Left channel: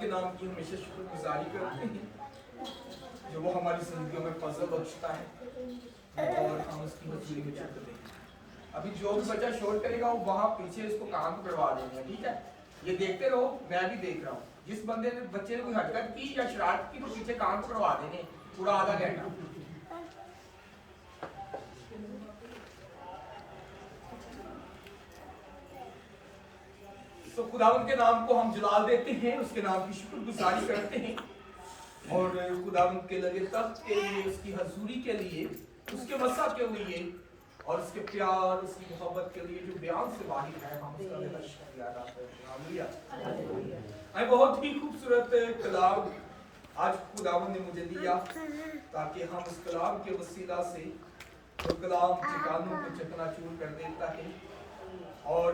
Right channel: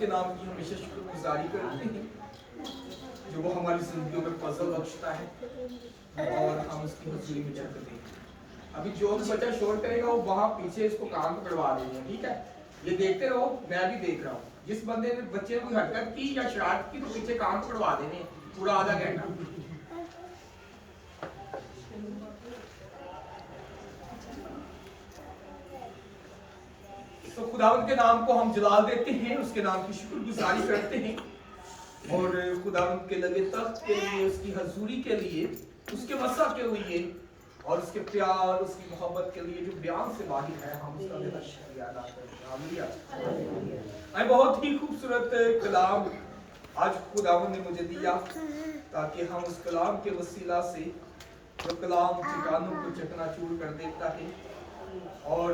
के नाम की हमेशा शुक्रगुजारी करते हैं जो वो हमारी जिंदगियों में फजल बख्शता है और हम उसकी हुजूरी में झुकते हैं। अभी जो भी बच्चा शोर करेगा वो वहाँ पीछे इसको कान पकड़वा देंगे, ठीक है? ये देखते रहो, मैं भी देख रहा हूँ। जिस बंदे ने बच्चे ने कोई हरकत की या शरारत की तो पीछे कान पकड़वा देने पूरा आधा घंटा। तो खुदावंद के नाम को हम जलाल देते हैं, उसके नाम की शुक्रगुजारी करते हैं और खुदावंद के लगे तख्त के लिए, उसकी हजूरी के लिए, उसके वसा के लिए और उसके प्यार, उसकी मोहब्बत के लिए जो बयान से बाहिर है, हम उसका बेहद शुक्रिया अदा करते हैं। बहुत ही खूबसूरत कलाम आज खुदावंद ने मुझे दिया ताकि हम उस कलाम के वसीला से, जो कलाम ठिकानों को चकनाचूर कर देता है और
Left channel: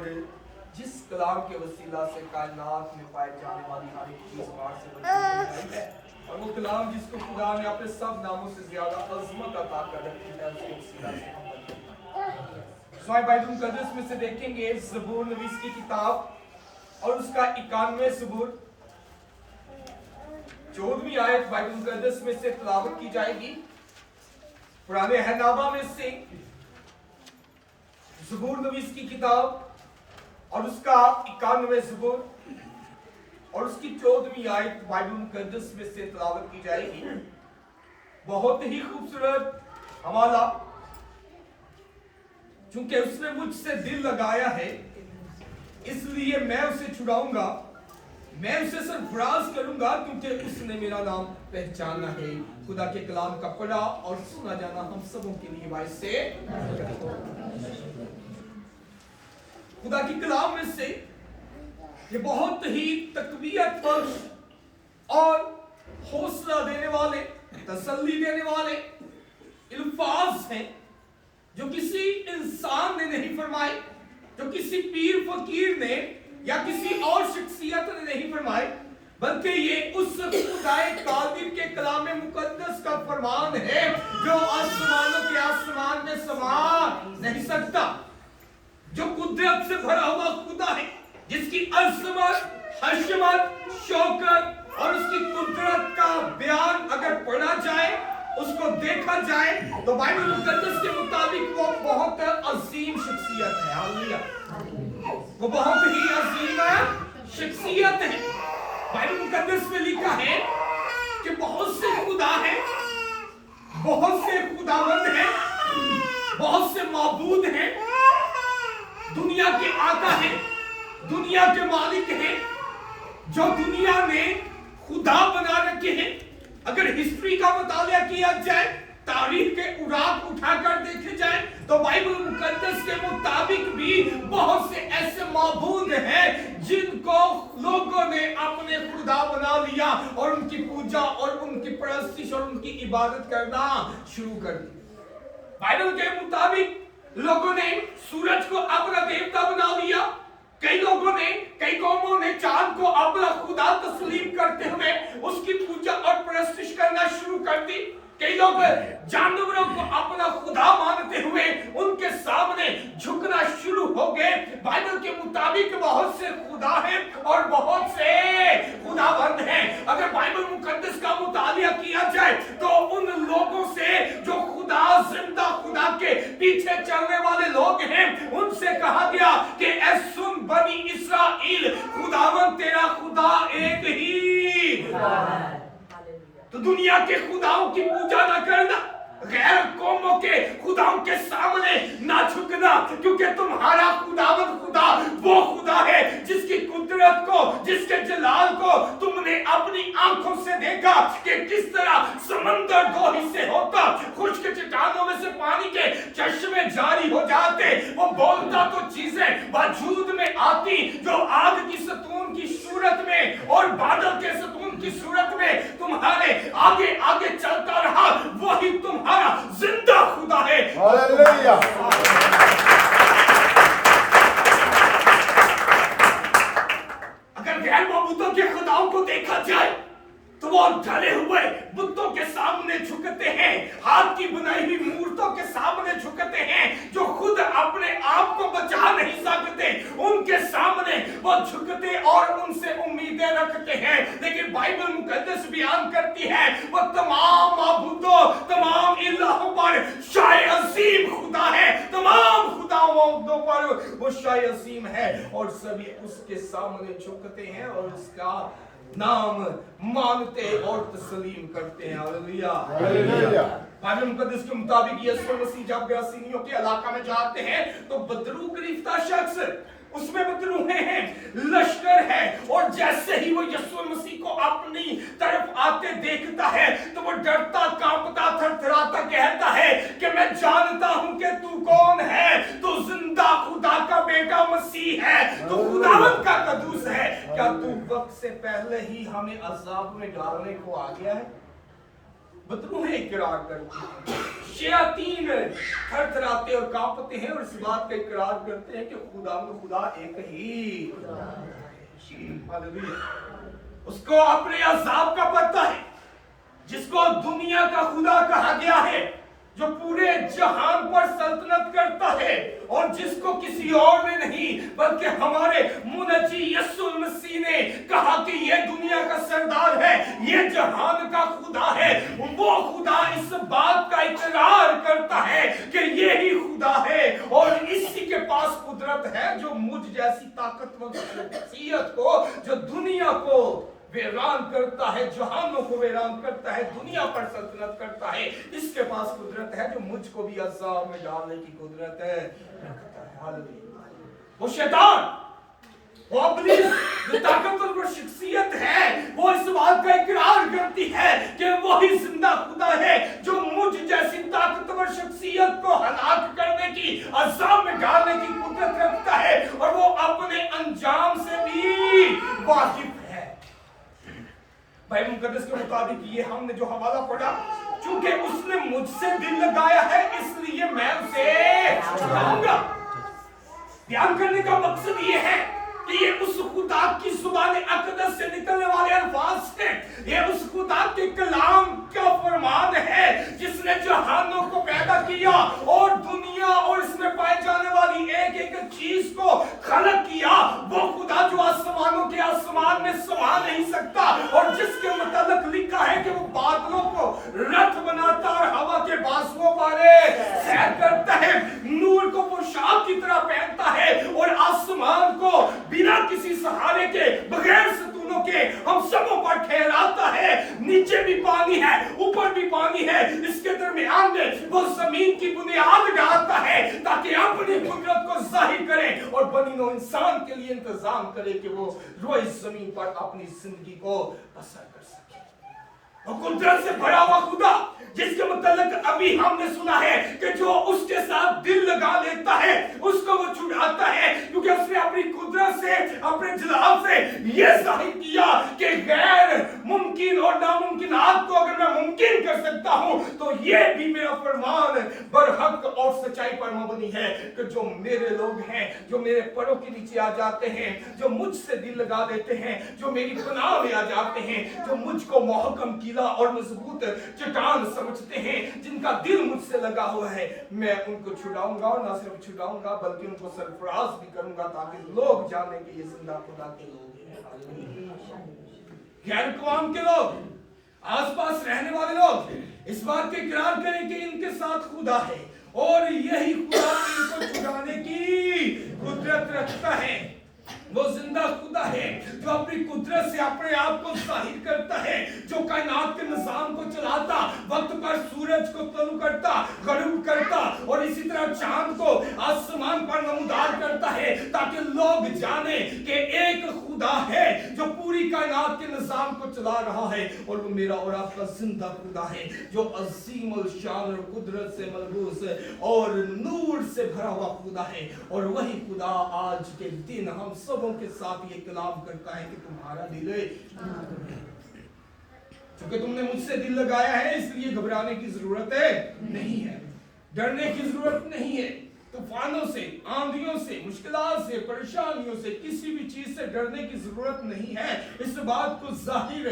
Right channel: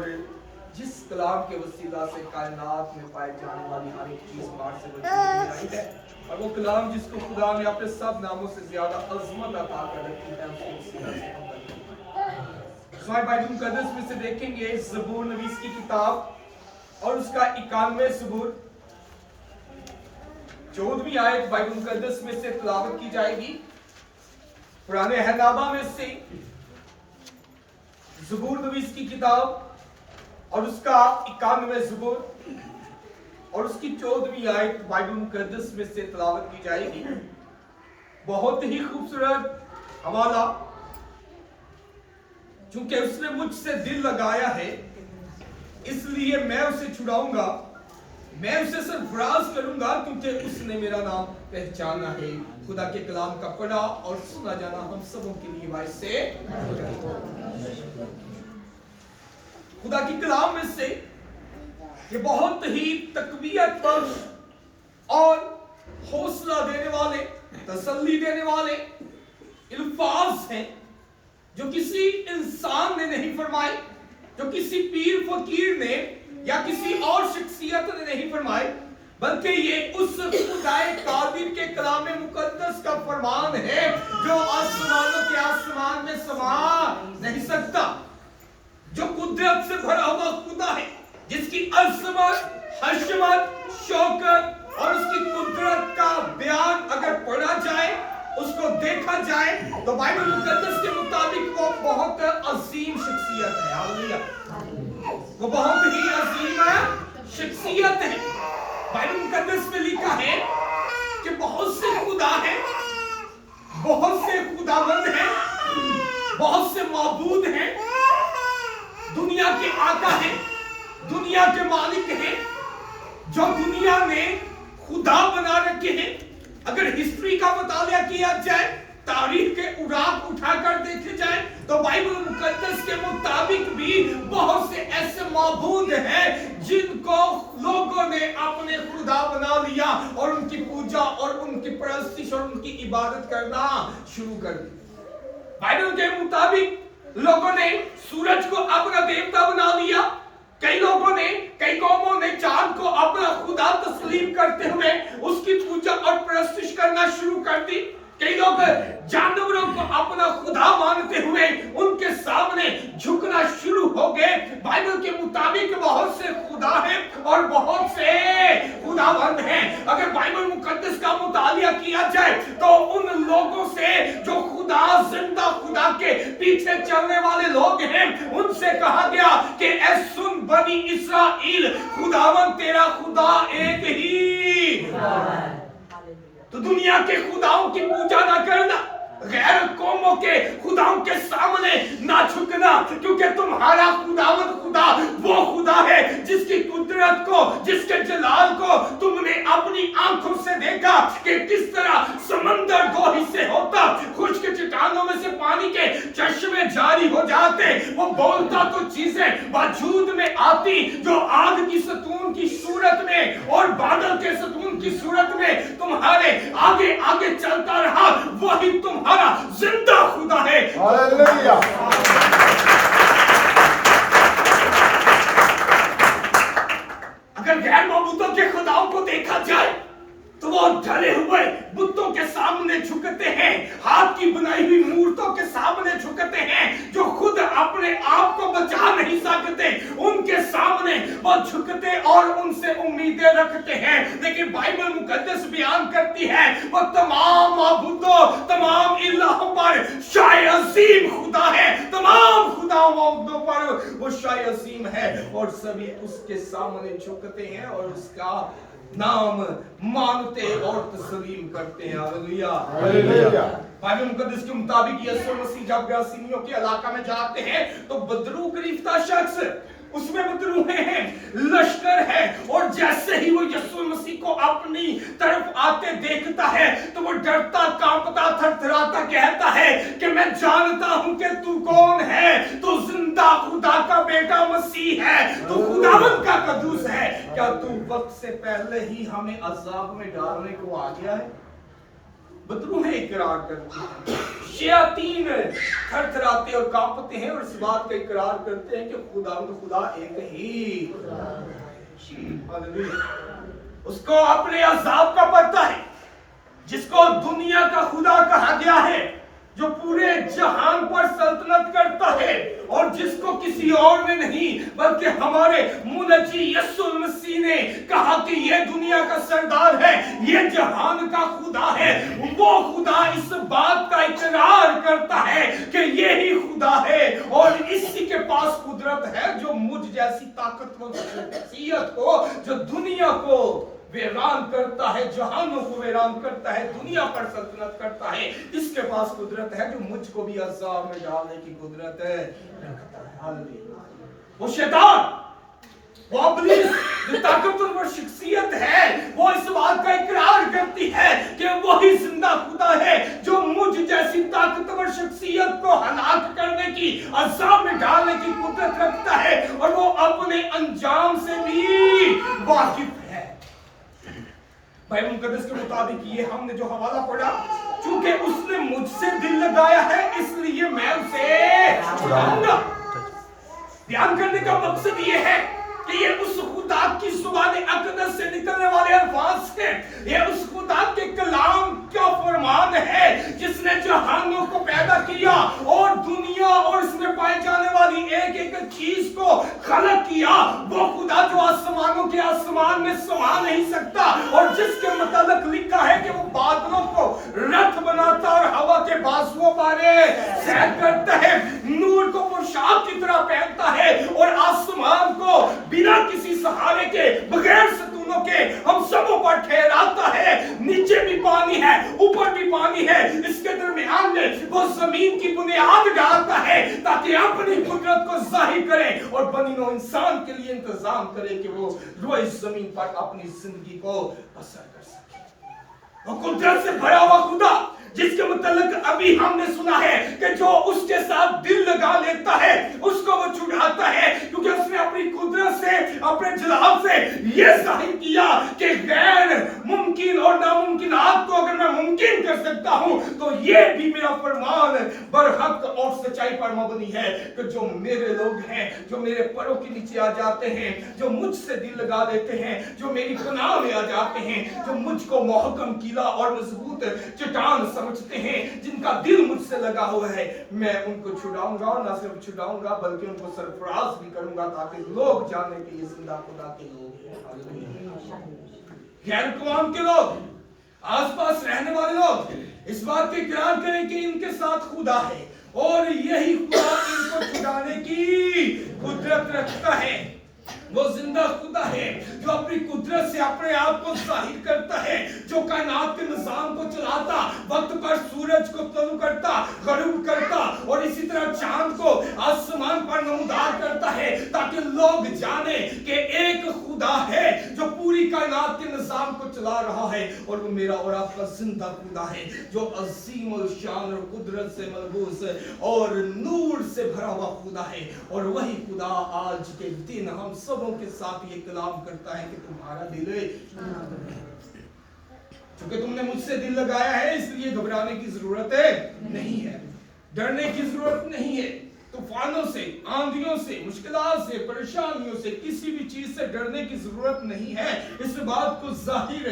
जिस कलाम के वसीला से कायनात में पाए जाने वाली हर एक चीज मार से बची आई है, और वो कलाम जिसको खुदा ने अपने सब नामों से ज्यादा अजमत अता कर रखी है, उसके वसीला से हम बने। बाइबल मुकद्दस में से देखेंगे ज़बूर नवीस की किताब और उसका 91वें ज़बूर 14वीं आयत बाइबल मुकद्दस में से तिलावत की जाएगी। पुराने अहदनामा में से ज़बूर नवीस की किताब और उसका 91वें ज़बूर और उसकी 14वीं आयत बाइबल मुकद्दस में से तिलावत की जाएगी। बहुत ही खूबसूरत हवाला, चूंकि उसने मुझसे दिल लगाया है इसलिए मैं उसे छुड़ाऊंगा, मैं उसे सरफराज करूंगा क्योंकि उसने मेरा नाम पहचाना है। खुदा के कलाम का पढ़ा और सुना जाना हम सबों के लिए बाइस से खुदा की कलाम में से ये बहुत ही तकवीयत बख्श और हौसला देने वाले, तसल्ली देने वाले अल्फाज हैं जो किसी इंसान ने नहीं फरमाए, जो किसी पीर फकीर ने या किसी और शख्सियत ने नहीं फरमाए, बल्कि ये उस खुदाए कादिर के कलाम मुकद्दस का फरमान है जो आसमानों के आसमान में समा नहीं सकता, जो कुदरत से भरा हुआ खुदा है, जिसकी अज़मत, हशमत, शौकत और उसकी कुदरत का बयान अगर पढ़ा जाए, उसको देखा जाए तो बाइबल मुकद्दस के मुताबिक वो बहुत अजीम शख्सियत है। हालेलुया, वो बहुत ही अजीम शख्सियत है। बाइबल मुकद्दस में लिखा है कि बहुत से खुदा हैं, बहुत से खुदावंद हैं, बहुत से माबूद हैं, दुनिया के आका हैं, दुनिया के मालिक हैं, जो दुनिया में खुदा बना रखे हैं। अगर हिस्ट्री का मुतालिया किया जाए, तारीख के उड़ाक उठाकर देखे जाए तो बाइबल मुकद्दस के मुताबिक भी बहुत से ऐसे माबूद हैं जिनको लोगों ने अपने खुदा बना लिया और उनकी पूजा और उनकी परस्तिश और उनकी इबादत करना शुरू कर दी। बाइबल के मुताबिक लोगों ने सूरज को अपना देवता बना लिया, कई लोगों ने, कई कौमों ने चांद को अपना खुदा तस्लीम करते हुए उसकी पूजा और परस्तिश करना शुरू कर दी। कई लोग जानवरों को अपना खुदा मानते हुए उनके सामने झुकना शुरू हो गए। बाइबल के मुताबिक बहुत से खुदा हैं और बहुत से खुदाबंद हैं। अगर बाइबल मुकद्दस का मुतालिया किया जाए तो उन लोगों से जो खुदा, जिंदा खुदा के पीछे चलने वाले लोग हैं, उनसे कहा गया कि ऐ सुन बनी इस्राएल, खुदावंद तेरा खुदा एक ही। तो दुनिया के खुदाओं की पूजा ना करना, गैर कौमों के खुदाओं के सामने ना झुकना, क्योंकि तुम्हारा खुदावंद खुदा वो खुदा है जिसकी कुदरत को, जिसके जलाल को तुमने अपनी आंखों से देखा कि किस तरह समंदर दो हिस्से होता, खुश्क चट्टानों में से पानी के चश्मे जारी हो जाते, वो बोलता तो चीजें वजूद में आती जो आग की सतून की सूरत में और बादल के सतून की सूरत में तुम्हारे आगे आगे चलता रहा, वही तुम्हारा जिंदा खुदा है। हालेलुया। अगर गैर माबूदों के खुदाओं को देखा जाए तो वो ढले हुए बुतों के सामने झुकते हैं, हाथ की बनाई हुई मूर्तों के सामने झुकते हैं, जो खुद अपने आप को बचा नहीं सकते। उनके सामने वो झुकते और उनसे उम्मीदें रखते हैं। लेकिन बाइबल मुकद्दस बयान करती है वो तमाम माबूदों, तमाम इलाहों पर शाय अजीम खुदा है, तमाम खुदाओं पर वो शाय अजीम है और सभी उसके सामने झुकते हैं और उसका नाम मानते और तस्लीम करते हैं। Hallelujah, hallelujah. बाइबल मुकद्दस के मुताबिक यीशु मसीह जब गरासीनियों के इलाका में जाते हैं तो बदरू गिरफ्तार शख्स, उसमें बदरूहें हैं, लश्कर है, और जैसे ही वो यीशु मसीह को अपनी तरफ आते देखता है तो वो डरता, कांपता, थरथराता कहता है कि मैं जानता हूं कि तू कौन है, तू जिंदा खुदा का बेटा मसीह है, तू खुदावंद का कदूस है। क्या तू वक्त से पहले ही हमें अजाब में डालने को आ गया है? बदरूहें इकरार करती हैं, शयातीन थरथराते और कांपते हैं और इस बात का इकरार करते हैं कि खुदा एक ही उसको अपने अजाब का पता है, जिसको दुनिया का खुदा कहा गया है, जो पूरे जहान पर सल्तनत करता है और जिसको किसी और ने नहीं बल्कि हमारे मुनज्जी यीशु मसीह ने कहा कि ये दुनिया का सरदार है, ये जहान का खुदा है। वो खुदा इस बात का इकरार करता है कि ये ही खुदा है और इसी के पास कुदरत है जो मुझ जैसी ताकतवर शख्सियत को, जो दुनिया को वीरान करता है, जहानों को वीरान करता है, दुनिया पर सल्तनत करता है, इसके पास कुदरत है जो मुझको भी अज़ाब में डालने की कुदरत है रखता है। हालेलुया। वो शैतान, वो इब्लीस जो ताकतवर शख्सियत है, वो इस बात का इकरार करती है कि वही जिंदा खुदा है जो मुझ जैसी ताकतवर शख्सियत को हलाक करने की, अज़ाब में डालने की कुदरत रखता है और वो अपने अंजाम से भी वाकिफ है। बाइबल मुकद्दस के मुताबिक ये हमने जो हवाला पढ़ा, चूंकि उसने मुझसे दिल लगाया है इसलिए मैं उसे छुड़ाऊंगा। ध्यान करने का मकसद ये है कि ये उस खुदा की जुबान अक़दस से निकलने वाले अल्फाज हैं, ये उस खुदा के कलाम का फरमान है जिसने जहानों को पैदा किया और दुनिया और इसमें पाए जाने वाली एक एक चीज को खलक किया। वो खुदा जो आसमानों के आसमान में समा नहीं सकता और जिसके मतलब लिखा है कि वो बादलों को रथ बनाता और हवा के बाजुओं पर सैर करता है, नूर को पोशाक की तरह पहनता है और आसमान को बिना किसी सहारे के, बगैर सतूनों के हम सबों पर ठहराता है। नीचे भी पानी है, ऊपर भी पानी है, इसके दरमियान में वो जमीन की बुनियाद डालता है ताकि अपनी कुदरत को जाहिर करे और बनी नौ इंसान के लिए इंतजाम करे कि वो रोए जमीन पर अपनी जिंदगी को बसर कर सके। वो कुदरत से भरा हुआ खुदा जिसके मतलब अभी हमने सुना है कि जो उसके साथ दिल लगा लेता है उसको वो छुड़ाता है, क्योंकि उसने अपनी कुदरत से, अपने जलाल से ये जाहिर किया कि गैर मुमकिन और नामुमकिनात को अगर मैं मुमकिन कर सकता हूं तो ये भी मेरा फरमान बरहक और सच्चाई पर मबनी है कि जो मेरे लोग हैं, जो मेरे पैरों के नीचे आ जाते हैं, जो मुझसे दिल लगा लेते हैं, जो मेरी पनाह में आ जाते हैं, जो मुझको मोहकम किला और मजबूत चट्टान समझते हैं, जिनका दिल मुझसे लगा हुआ है, मैं उनको छुड़ाऊंगा और न सिर्फ छुड़ाऊंगा बल्कि उनको सरफराज भी करूंगा ताकि लोग जाने कि ये जिंदा खुदा के लोग हैं। गैर कौम के लोग, आसपास रहने वाले लोग इस बात के इकरार करें कि इनके साथ खुदा है और यही खुदा इनको छुड़ाने की कुदरत रखता है। वो जिंदा खुदा है जो अपनी कुदरत से अपने आप को जाहिर करता है, जो कायनात के निजाम को चलाता, वक्त पर सूरज को तलू करता, गरूब करता और इसी तरह चांद को आसमान पर नमूदार करता है ताकि लोग जाने कि एक खुदा है जो पूरी कायनात के निजाम को चला रहा है और वो मेरा और आपका जिंदा खुदा है जो अजीम और शान और कुदरत से मलबूस और नूर से भरा हुआ खुदा है। और वही खुदा आज के दिन हम सबों के साथ ये कलाम करता है कि तुम्हारा दिल क्योंकि तुमने मुझसे दिल लगाया है इसलिए घबराने की जरूरत नहीं है, डरने की जरूरत नहीं है। तूफानों से, आंधियों से, मुश्किलात से, परेशानियों से, किसी भी चीज से डरने की जरूरत नहीं है। इस बात को जाहिर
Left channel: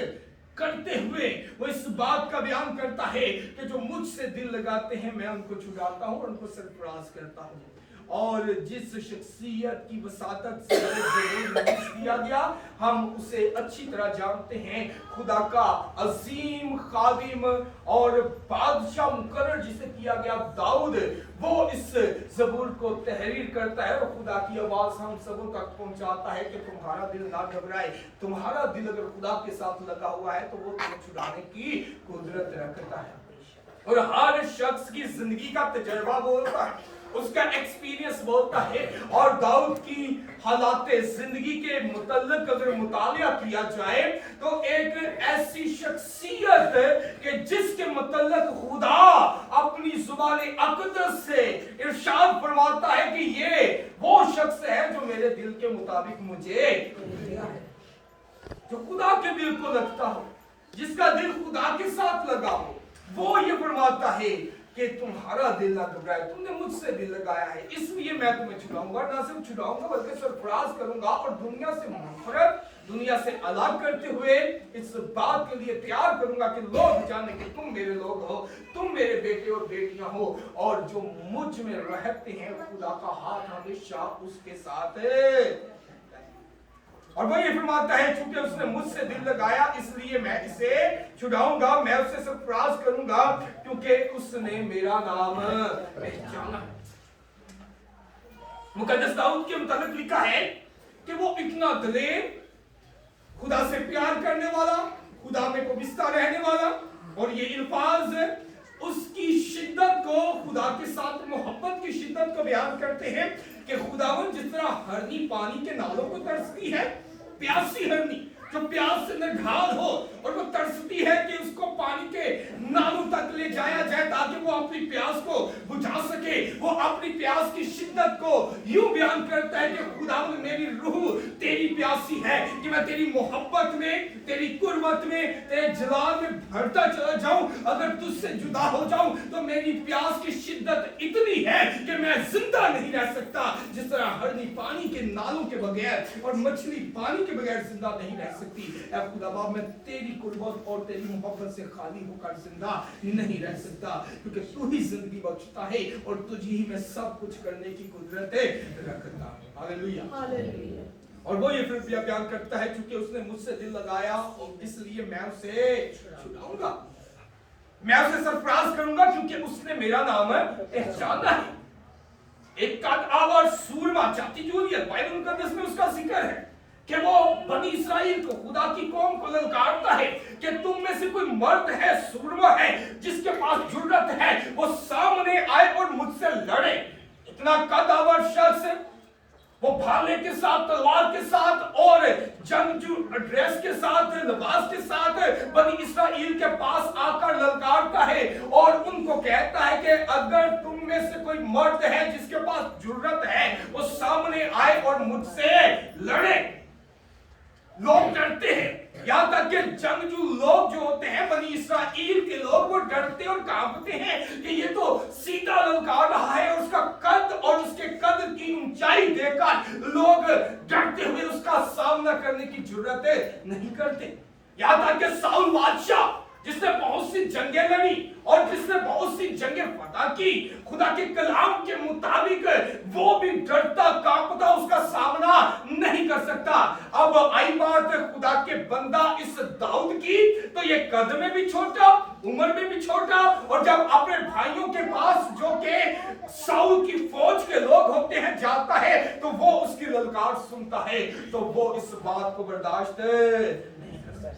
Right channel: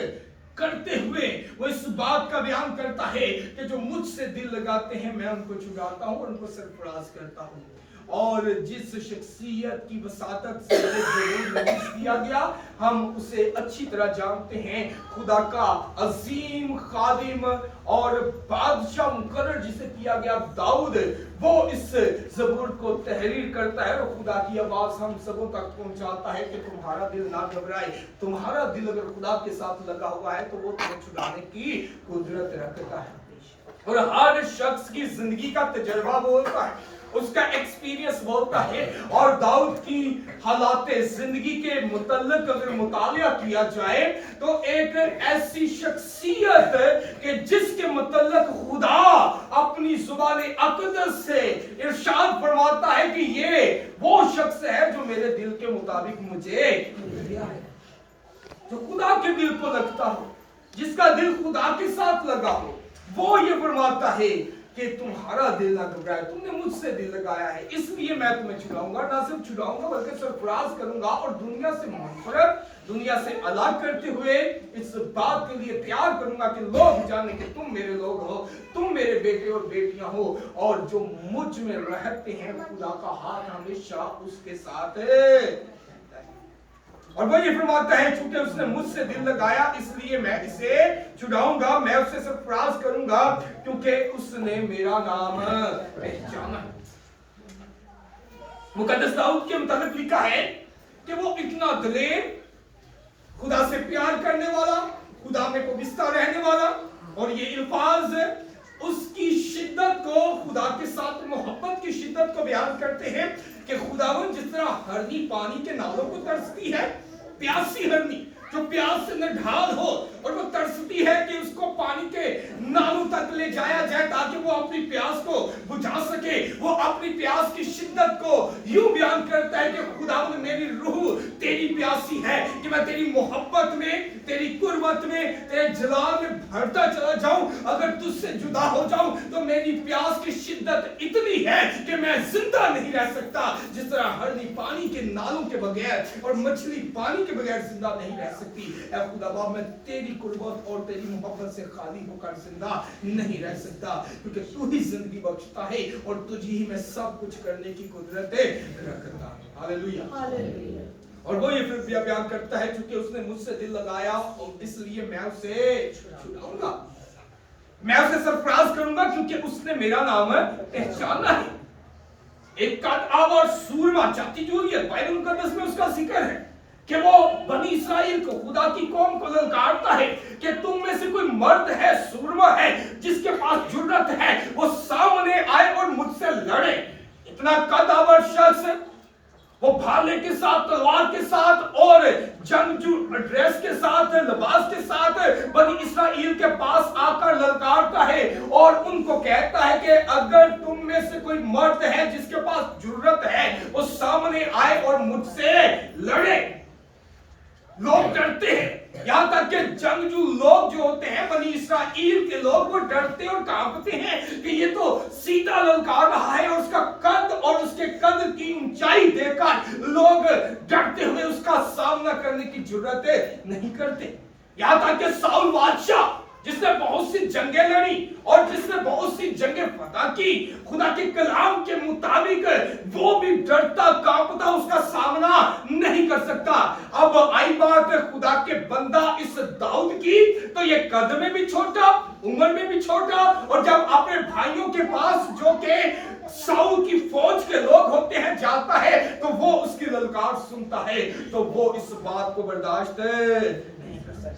करते हुए वो इस बात का बयान करता है कि जो मुझसे दिल लगाते हैं मैं उनको छुड़ाता हूं और उनको सरफराज करता हूं। और जिस शख्सियत की वसातत से ये ज़रूर नबूस किया गया, हम उसे अच्छी तरह जानते हैं। खुदा का अजीम खादिम और बादशाह मुकर्रर जिसे किया गया दाऊद, वो इस ज़बूर को तहरीर करता है और खुदा की आवाज़ हम सबों तक पहुंचाता है कि तुम्हारा दिल ना घबराए। तुम्हारा दिल अगर खुदा के साथ लगा हुआ है तो वो तुम्हें छुड़ाने की कुदरत रखता है। और हर शख्स की जिंदगी का तजर्बा बोलता है, उसका एक्सपीरियंस बोलता है। और दाऊद की हालाते जिंदगी के मुतल्लिक अगर मुतालिया किया जाए तो एक ऐसी शख्सियत कि जिसके मुतल्लिक खुदा अपनी जुबान अक़दस से इरशाद फरमाता है कि ये वो शख्स है जो मेरे दिल के मुताबिक मुझे दिया है, जो खुदा के दिल को लगता हो, जिसका दिल खुदा के साथ लगा हो, वो ये फरमाता है कि तुम्हारा दिल ना घबराए, तुमने मुझसे दिल लगाया है, इसलिए मैं तुम्हें छुड़ाऊंगा। ना सिर्फ छुड़ाऊंगा बल्कि सरफराज करूंगा और दुनिया से मग़फ़िरत, दुनिया से अलग करते हुए इस बात के लिए तैयार करूंगा कि लोग जाने कि तुम मेरे लोग हो, तुम मेरे बेटे और बेटियां हो, और जो मुझ में रहते हैं खुदा का हाथ हमेशा उसके साथ है। और वो ये फरमाता है चूंकि उसने मुझसे दिल लगाया इसलिए मैं इसे छुड़ाऊंगा, मैं उससे सरफराज करूंगा क्योंकि उसने मेरा नाम पहचाना है। मुकद्दस दाऊद के मुताबिक लिखा है कि वो इतना दलेर, खुदा से प्यार करने वाला, खुदा में कोबिस्ता रहने वाला, और ये अल्फाज उसकी शिद्दत को, खुदा के साथ मोहब्बत की शिद्दत को बयान करते हैं कि खुदावन जिस तरह हरनी पानी के नालों को तरसती है, प्यासी हरनी जो प्यास से निढाल हो और वो तरसती है कि उसको पानी के नालों तक ले जाया जाए ताकि वो अपनी प्यास को बुझा सके, वो अपनी प्यास की शिद्दत को यूं बयान करता है कि खुदावंद मेरी रूह तेरी प्यासी है कि मैं तेरी मोहब्बत में, तेरी कुर्बत में, तेरे जलाल में भरता चला जाऊं। अगर तुझसे जुदा हो जाऊं तो मेरी प्यास की शिद्दत इतनी है कि मैं जिंदा नहीं रह सकता। जिस तरह हरनी पानी के नालों के बगैर और मछली पानी के बगैर जिंदा नहीं रह सकती, ऐ खुदाबा मैं तेरी कुर्बत और तेरी मोहब्बत से खाली होकर जिंदा नहीं रह सकता, क्योंकि तू ही जिंदगी बख्शता है और तुझे ही मैं सब कुछ करने की कुदरत रखता। Hallelujah, hallelujah. और वो ये फिर बयान करता है चूंकि उसने मुझसे दिल लगाया और इसलिए मैं उसे छुड़ाऊंगा, मैं उसे सरफराज करूंगा क्योंकि उसने मेरा नाम पहचाना है। एक कद आवर सूरमा जाति जूलियत बाइबल मुकद्दस में उसका जिक्र है कि वो बनी इसराइल को, खुदा की कौम को ललकारता है कि तुम में से कोई मर्द है, सूरमा है, जिसके पास जुर्रत है, वो सामने आए और मुझसे लड़े। इतना कदावर शख्स, वो भाले के साथ, तलवार के साथ और जंगजू ड्रेस के साथ, लिबास के साथ बनी इसराइल के पास आकर ललकारता है और उनको कहता है कि अगर तुम में से कोई मर्द है जिसके पास जुर्रत है, वो सामने आए और मुझसे लड़े। लोग डरते हैं, यहां तक कि जंगजू लोग जो होते हैं, बनी इसराइल के लोग, वो डरते और कांपते हैं कि ये तो सीधा ललकार रहा है, और उसका कद और उसके कद की ऊंचाई देखकर लोग डरते हुए उसका सामना करने की जुर्रत नहीं करते। यहां तक कि साउल बादशाह जिसने बहुत सी जंगें लड़ी और जिसने बहुत सी जंगें फतह की, खुदा के कलाम के मुताबिक वो भी डरता कांपता उसका सामना नहीं कर सकता। अब आई बात खुदा के बंदा इस दाऊद की, तो ये कद में भी छोटा, उम्र में भी छोटा, और जब अपने भाइयों के पास जो के साउल की फौज के लोग होते हैं जाता है तो वो उसकी ललकार सुनता है, तो वो इस बात को बर्दाश्त नहीं कर सकता।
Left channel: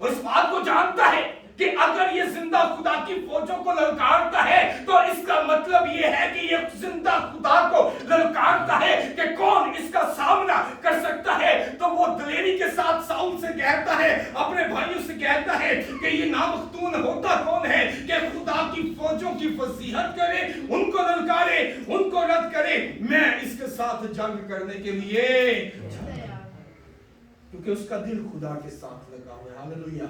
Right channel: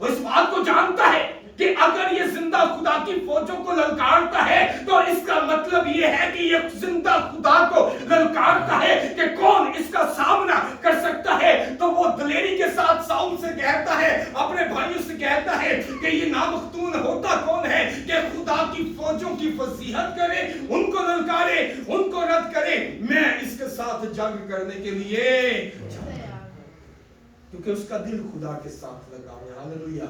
वो इस बात को जानता है कि अगर ये जिंदा खुदा की फौजों को ललकारता है तो इसका मतलब ये है कि ये जिंदा खुदा को ललकारता है कि कौन इसका सामना कर सकता है। तो वो दलेरी के साथ साउल से कहता है, अपने भाइयों से कहता है कि ये नामख्तून होता कौन है कि खुदा की फौजों की फजीहत करे, उनको ललकारे, उनको रद्द करे। मैं इसके साथ जंग करने के लिए, क्योंकि उसका दिल खुदा के साथ लगा हुआ है। हालेलुया।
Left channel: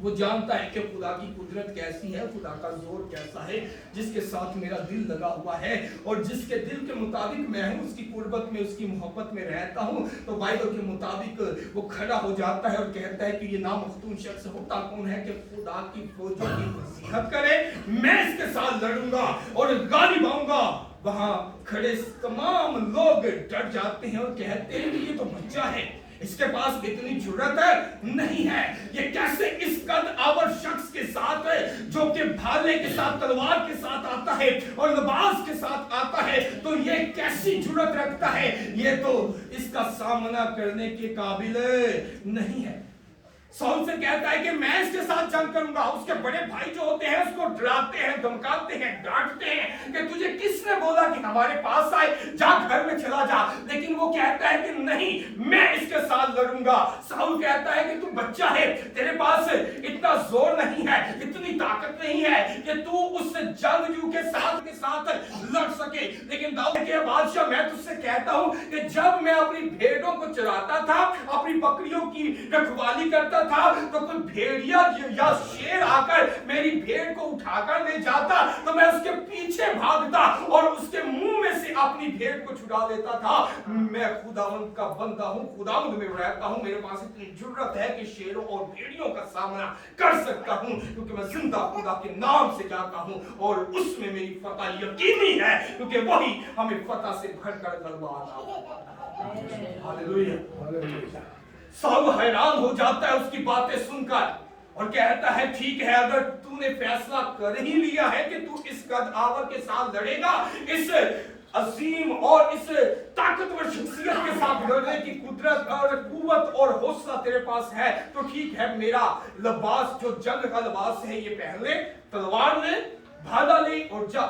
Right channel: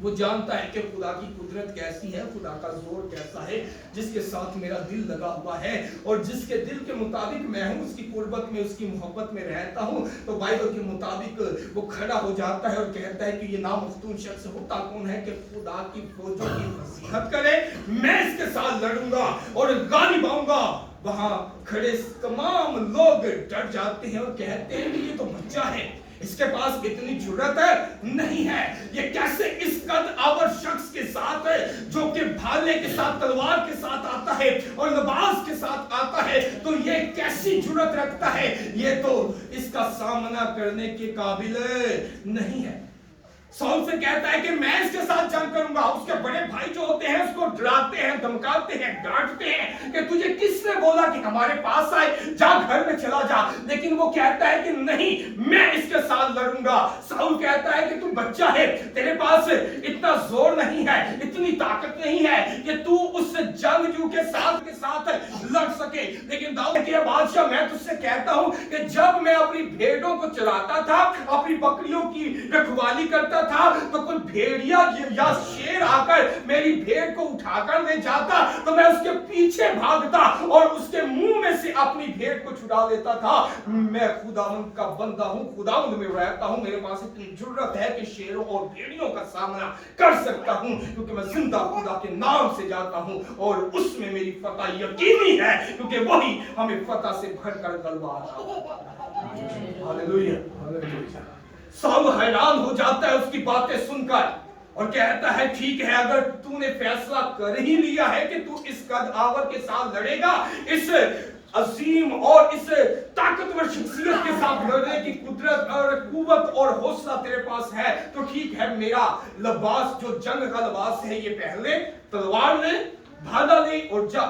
वो जानता है कि खुदा की कुदरत कैसी है, खुदा का जोर कैसा है, जिसके साथ मेरा दिल लगा हुआ है और जिसके दिल के मुताबिक मैं हूं, उसकी कुर्बत में, उसकी मोहब्बत में रहता हूं। तो बाइबल के मुताबिक वो खड़ा हो जाता है और कहता है कि ये नामख्तून शख्स होता कौन है कि खुदा की फौजों की नसीहत करे, मैं इसके साथ लड़ूंगा और गालिब आऊंगा वहां खड़े तमाम लोग डर जाते हैं और कहते हैं कि ये तो बच्चा है, इसके पास इतनी जुर्रत नहीं है, ये कैसे इस कद आवर शख्स के साथ जो कि भाले के साथ तलवार के साथ आता है और लिबास के साथ आता है, तो ये कैसी जुर्रत रखता है, ये तो इसका सामना करने के काबिल नहीं है। साउल से कहता है कि मैं इसके साथ जंग करूंगा। उसके बड़े भाई जो होते हैं उसको डराते हैं, धमकाते हैं, डांटते हैं कि तुझे किसने बोला कि हमारे पास आए, जा घर में चला जा। लेकिन वो कहता है कि नहीं, मैं इसके साथ लड़ूंगा। साउल कहता है कि तू बच्चा है, तेरे पास इतना जोर नहीं है, इतनी ताकत नहीं है कि तू उस जंगजू के साथ लड़ सके। लेकिन दाऊद के बादशाह, मैं तुझसे कहता हूं कि जब मैं अपनी भेड़ों को चराता था, अपनी बकरियों की रखवाली करता था, तो कोई भेड़िया या शेर आकर मेरी भेड़ को उठाकर ले जाता तो मैं उसके पीछे भागता और उसके मुंह में से अपनी भेड़ को छुड़ा लेता था। मैं खुदावंद का बंदा हूं, खुदावंद में रहता हूं, मेरे पास इतनी जुर्रत है कि शेरों और भेड़ियों का सामना कर सकता हूं, क्योंकि मैं जिंदा खुदा के नाम से जाता हूं और उसमें मेरी फतह यकीनी है, क्योंकि वही हमें फतह से भरकर गलबा आता है। हालेलुया। साउल हैरान हो जाता है उसकी बातें सुनकर और कहता है, ठीक है, अगर तूने फैसला कर ही लिया है कि तू इस कद आवर के साथ लड़ेगा, इस अजीम और इस ताकतवर शख्सियत के साथ लड़ने की कुदरत और कुव्वत और हौसला तेरे पास है, तो ठीक है, मेरा लिबास जो जंग का लिबास है ये पहले, तलवार ले, भाला ले और जा।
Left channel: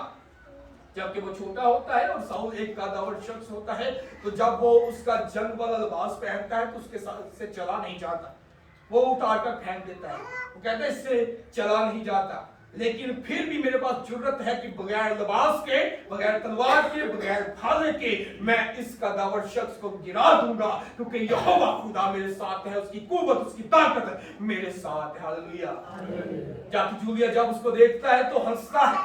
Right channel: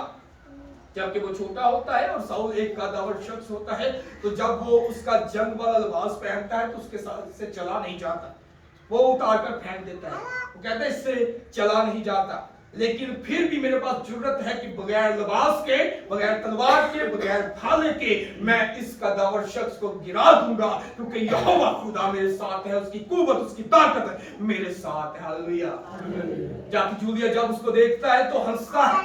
जबकि वो छोटा होता है और साउल एक कदावर शख्स होता है, तो जब वो उसका जंग वाला लिबास पहनता है तो उसके साथ से चला नहीं जाता, वो उतार कर फेंक देता है। वो कहता है इससे चला नहीं जाता, लेकिन फिर भी मेरे पास जुर्रत है कि बगैर लिबास के, बगैर तलवार के, बगैर भाले के मैं इस कदावर शख्स को गिरा दूंगा, क्योंकि यहोवा खुदा मेरे साथ है, उसकी कुव्वत, उसकी ताकत मेरे साथ है। हालेलुया। जाति जूलिया जब उसको देखता है तो हंसता है,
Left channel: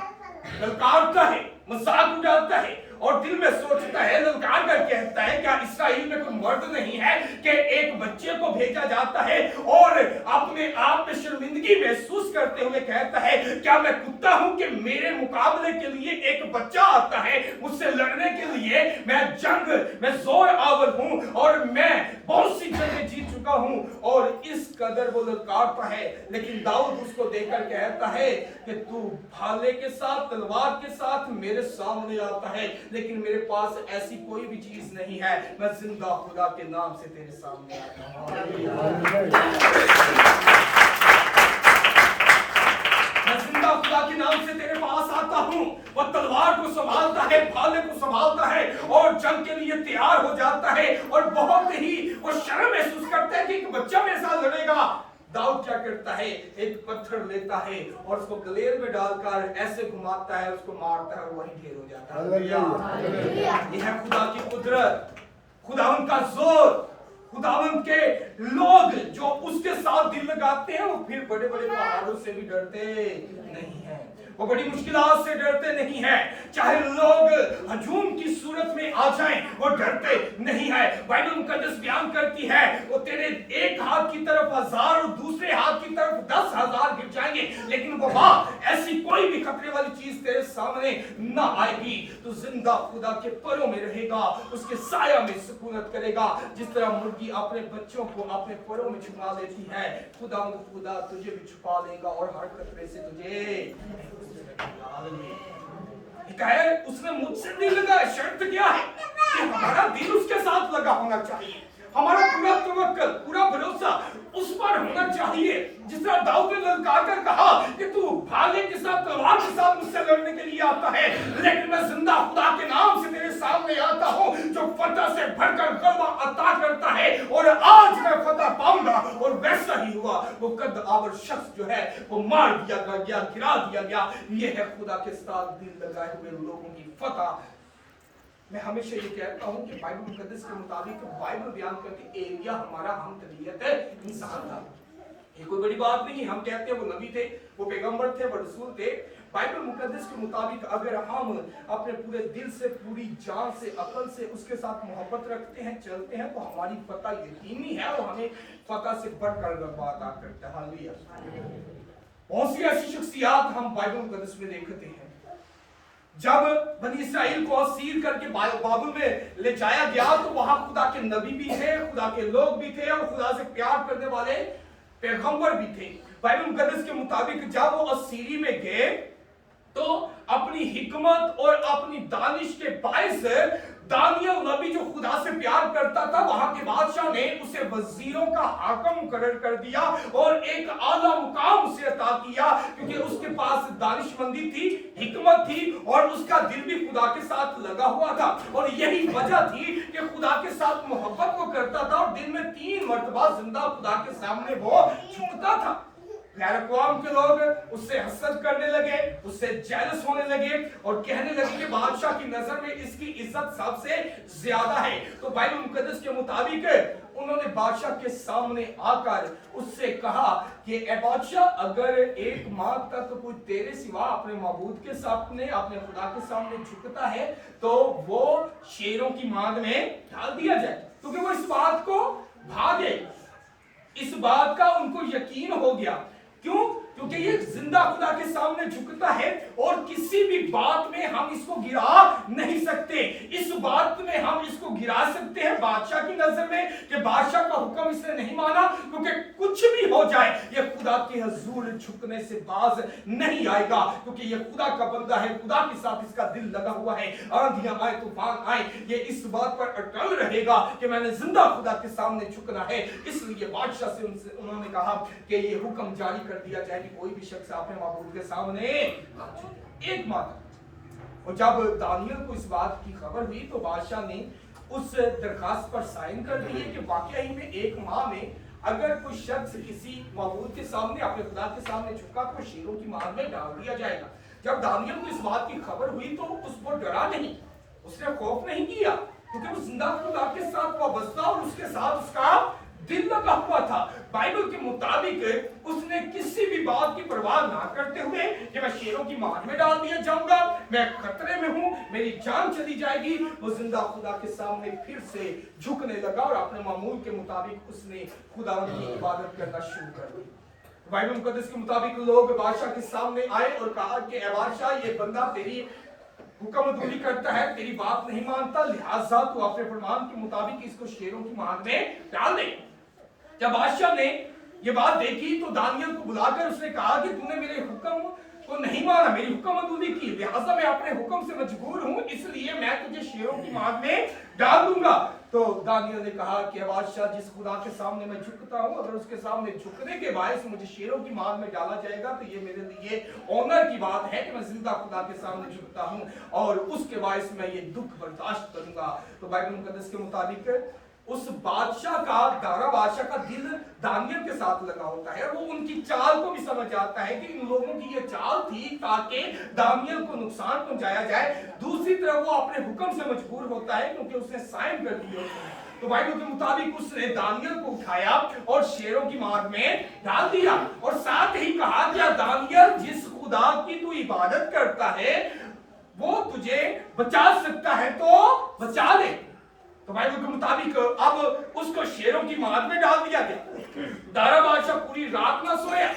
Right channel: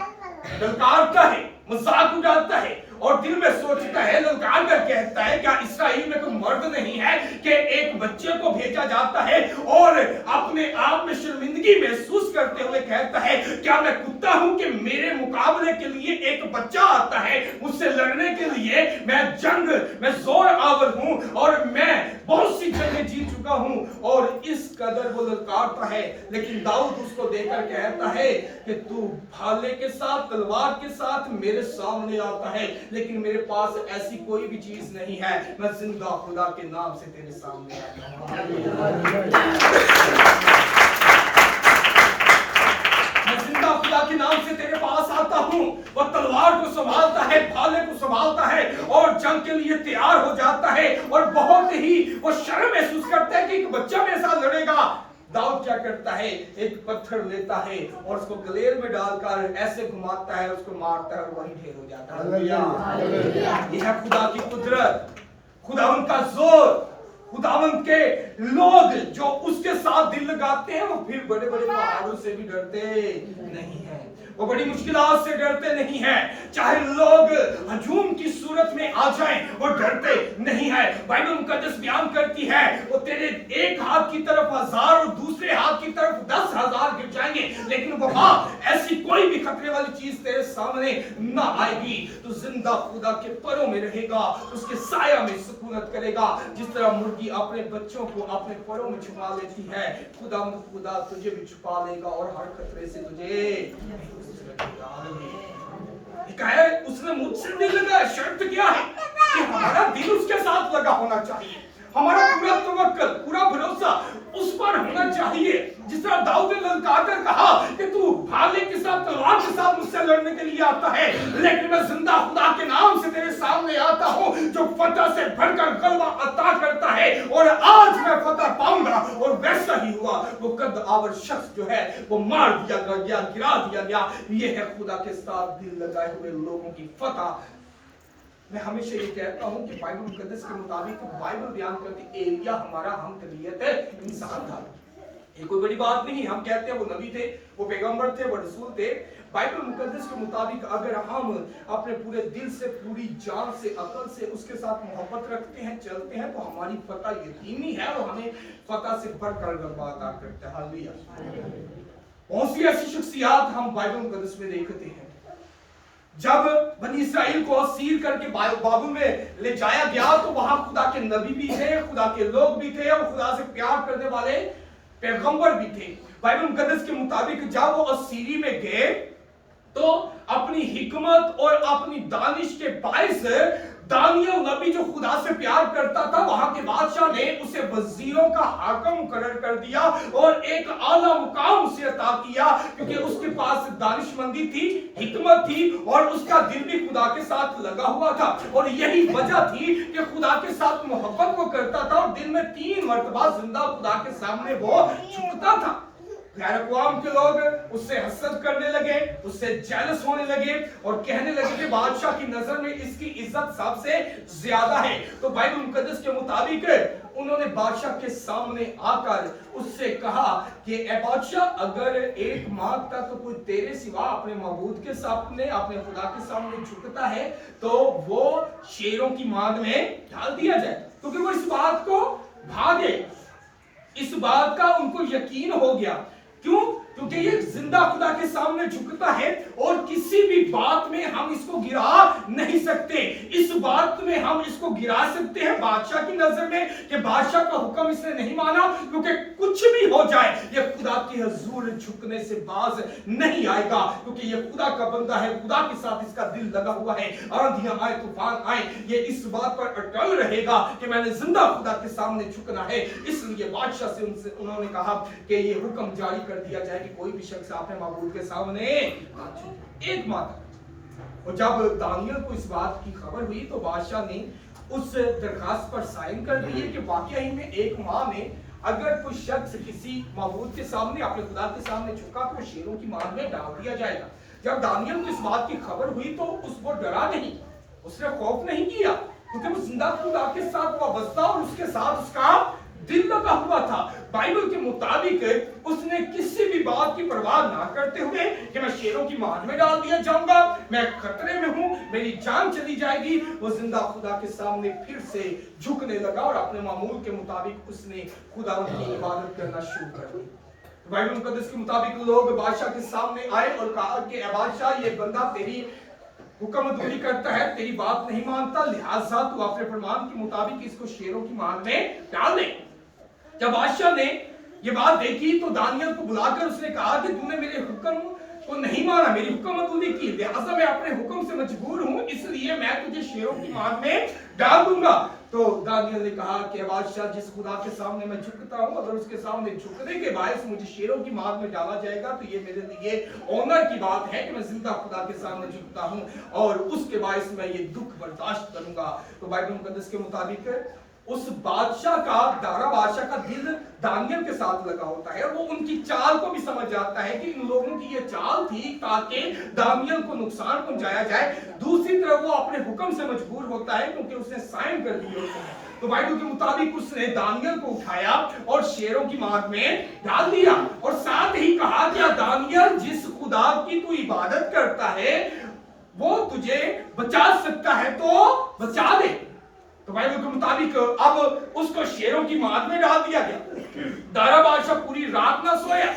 ललकारता है, मजाक उड़ाता है और दिल में सोचता है, ललकार कर कहता है, क्या इसराइल में कोई मर्द नहीं है कि एक बच्चे को भेजा जाता है और अपने आप में शर्मिंदगी महसूस करते हुए कहता है, क्या मैं कुत्ता हूं कि मेरे मुकाबले के लिए एक बच्चा आता है, मुझसे लड़ने के लिए, मैं जोर आवर हूं और मैं बहुत सी जंगें जीत चुका हूं। और इस कदर वो ललकारता है, लेकिन दाऊद उसको देखकर कहता है कि तू भाले के साथ, तलवार के साथ मेरे सामने आता है, लेकिन मेरे पास ऐसी कोई भी चीज नहीं है, मैं जिंदा खुदा के नाम से तेरे सामने आता हूं। मैं जिंदा खुदा के नाम से तेरे पास आता हूं। वो तलवार को संभालता है, भाले को संभालता है और जंग के लिए तैयार हो जाता है और बहुत ही वो शर्म महसूस करता है कि एक बच्चा मेरे साथ लड़ेगा। दाऊद क्या करता है, एक पत्थर लेता है और उसको गलेल में डालकर ऐसे घुमाता है, उसको मारता है और वही ढेर हो जाता है। यह है खुदा की कुदरत, खुदावंद का जोर, खुदावंद के लोग जो उसके साथ दिल लगाते हैं वो फिर बड़े बड़े पहाड़ों से भी डरते नहीं है, वो बड़ी मुश्किलात से डरते नहीं हैं, चाहे लोग हजूम की सूरत में आ जाएं वो डरते नहीं है। बाइबल मुकद्दस बयान करती है, वो तेरे एक हाथ की तरफ 1000 और दूसरे हाथ की तरफ 10,000 गिर जाएंगे, लेकिन वहां ऐसी कोई भी खतरे वाली चीज तेरे सामने ना आएगी। तो जिंदा खुदा के परों में रहेगा, उसके साया में सुकूनत करेगा। जिस तरह मुर्गी अपने बच्चों को अपने परों में छुपा लेती है, खुदा तुझे भी छुपा लेगा और हर खतरे से तुझे। उसने मुझसे दिल लगाया, शर्त क्या है कि हमारा दिल उसके साथ लगा होना चाहिए, हमारा पूरा तवक्कल, पूरा भरोसा उस पर होना चाहिए। जिस तरह दाऊद ने ललकार कर कहा कि तू भाले के साथ, तलवार के साथ मुझसे लड़ने के लिए आता है, लेकिन मैं जिंदा खुदा के नाम से तेरे सामने आता हूं जो फतह से भरकर गलबा अता करता है, और आज मैं फतह पाऊंगा। और वैसा ही हुआ, वो कद आवर शख्स जो है वो मार दिया गया, गिरा दिया गया। ये है खुदा के साथ दिल लगाए हुए लोगों की फतह। मैं हमेशा ये कहता हूं कि बाइबल मुकद्दस के मुताबिक बाइबल बयान करती एलिया हमारा हम तबीयत इंसान था। ये कोई बड़ी बात नहीं, हम कहते हैं वो नबी थे, वो पैगंबर थे, वो रसूल थे। बाइबल मुकद्दस के मुताबिक अगर हम अपने पूरे दिल से, पूरी जान से, अकल से उसके साथ मोहब्बत रखते हैं, चलते हैं, तो हमारी फतह यकीनी है और हमें फतह से बढ़कर गलबा अता करता है। हालेलुया। बहुत सी ऐसी शख्सियत हम बाइबल मुकद्दस में देखते हैं जब बनी इसराइल को असीर करके बाबुल में ले जाया गया तो वहां खुदा के नबी भी थे, खुदा के लोग भी थे और खुदा से प्यार करने वाले पैगंबर भी थे। बाइबल मुकद्दस के मुताबिक जब वो असीरी में गए तो अपनी हिकमत और अपनी दानिश के बायस दानियल नबी जो खुदा से प्यार करता था, वहां के बादशाह ने उसे वजीरों का हाकम मुकर्रर कर दिया और एक आला मुकाम उसे अता किया, क्योंकि उसके पास दानिशमंदी थी, हिकमत थी और उसका दिल भी खुदा के साथ लगा हुआ था। और यही वजह थी कि खुदा के साथ मोहब्बत वो करता था और दिन में 3 मरतबा जिंदा खुदा के सामने वो झुकता था। गैर अक़वाम के लोग उससे हसद करने लगे, उससे जेलस होने लगे और कहने लगे कि बादशाह की नजर में इसकी इज्जत सबसे ज्यादा है। तो बाइबल मुकद्दस के मुताबिक उन्होंने बादशाह के सामने आकर उससे कहा कि ए बादशाह, अगर 1 माह तक कोई तेरे सिवा अपने माबूद के सामने, अपने खुदा के सामने झुकता है तो वो शेरों की मांग में डाल दिया जाए, क्योंकि वो इस बात को भागे। इस बात का उनको यकीन हो गया। क्यों? क्योंकि ये जिंदा खुदा के सामने झुकता है और किसी भी बात में हम इसको गिरा नहीं सकते। इस बात में हम इसको गिरा सकते हैं बादशाह की नजर में कि बादशाह का हुक्म इसने नहीं माना, क्योंकि कुछ भी हो जाए ये खुदा के हुजूर झुकने से बाज नहीं आएगा, क्योंकि ये खुदा का बंदा है, खुदा के साथ इसका दिल लगा हुआ है। आंधियां आए, तूफान आए, ये इस बात पर अटल रहेगा कि मैंने जिंदा खुदा के सामने झुकना है। इसलिए बादशाह से उन्होंने कहा कि ये हुक्म जारी कर दिया जाए कि कोई भी शख्स अपने माबूद के सामने 1 माह तक। और जब दानियल को इस बात की खबर हुई तो बादशाह ने उस दरखास्त पर साइन कर दिए कि वाकई में 1 माह में अगर कोई शख्स किसी माबूद के सामने, अपने खुदा के सामने झुका तो शेरों की मार में डाल दिया जाएगा। जब दानियल को इस बात की खबर हुई तो वो डरा नहीं, उसने खौफ नहीं किया, क्योंकि वो जिंदा खुदा के साथ वाबस्ता और उसके साथ उसका दिल लगा हुआ था। बाइबल के मुताबिक उसने किसी भी बात की परवाह ना करते हुए कि मैं शेरों की मार में डाल दिया जाऊंगा, मैं खतरे में हूं, मेरी जान चली जाएगी, वो जिंदा खुदा के सामने फिर से झुकने लगा और अपने मामूल के मुताबिक उसने खुदा की इबादत करना शुरू कर दी। बाइबल मुकद्दस के मुताबिक लोग बादशाह के सामने आए और कहा कि ए बादशाह, ये बंदा तेरी हुक्म दूरी करता है, तेरी बात नहीं मानता, लिहाजा तू अपने फरमान के मुताबिक इसको शेरों की मार में डाल दे। जब बादशाह ने ये बात देखी तो दानियल को बुलाकर उसने कहा कि तूने मेरे हुक्म को नहीं माना, मेरी हुक्म अदूरी की, लिहाजा मैं अपने हुक्म से मजबूर हूं, इसलिए मैं तुझे शेरों की मार में डाल दूंगा। तो दानियल ने कहा कि बादशाह, जिस खुदा के सामने मैं झुकता हूं, अगर उसके सामने झुकने के बायस मुझे शेरों की मार में डाला जाएगा तो ये मेरे लिए ऑनर की बात है कि मैं जिंदा खुदा के सामने झुकता हूं और उसके बायस मैं ये दुख बर्दाश्त करूंगा। तो बाइबल मुकद्दस के मुताबिक उस बादशाह का, दारा बादशाह का दिल दानियल के साथ लगा होता है। वो उनकी चाल को भी समझ जाता है कि इन लोगों की ये चाल थी ताकि दानियल को नुकसान पहुंचाया जाए। दूसरी तरफ वो अपने हुक्म से मजबूर होता है क्योंकि उसने साइन कर दिए होते हैं। तो बाइबल के मुताबिक उसने दानियल को उठाया और शेरों की मार में डाल दिया और साथ ही कहा कि दानियल, जिस खुदा की तू इबादत करता है वो तुझे बचा सकता है तो बचा दे। तो बाइबल के मुताबिक अब उसको शेरों की मार में डाल दिया गया। दारा बादशाह पूरी रात ना सोया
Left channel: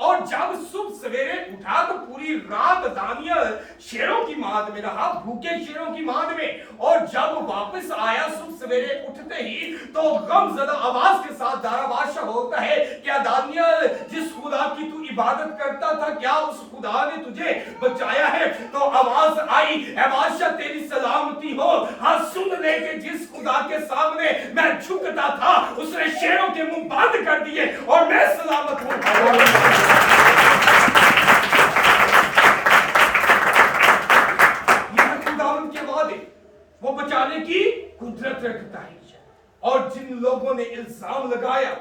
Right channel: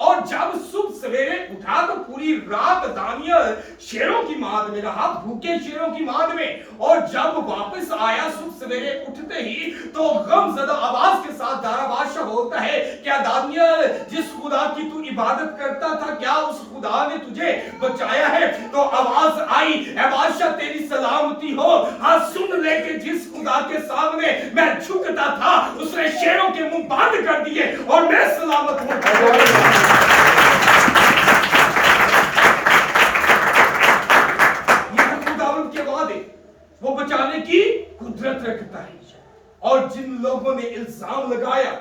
और जब सुबह सवेरे उठा तो पूरी रात दानियल शेरों की मार में रहा, भूखे शेरों की मार में। और जब वापस आया सुबह सवेरे उठते ही तो गमज़दा आवाज के साथ दारा बादशाह बोलता है, क्या दानियल, जिस खुदा की तू इबादत करता था, क्या उस खुदा ने तुझे बचाया है? तो आवाज आई, ए बादशाह तेरी सलामती हो, हाँ सुन ले कि जिस खुदा के सामने मैं झुकता था उसने शेरों के मुंह बंद कर दिए और मैं सलामत हूं। वो बचाने की कुदरत रखता है और जिन लोगों ने इल्जाम लगाया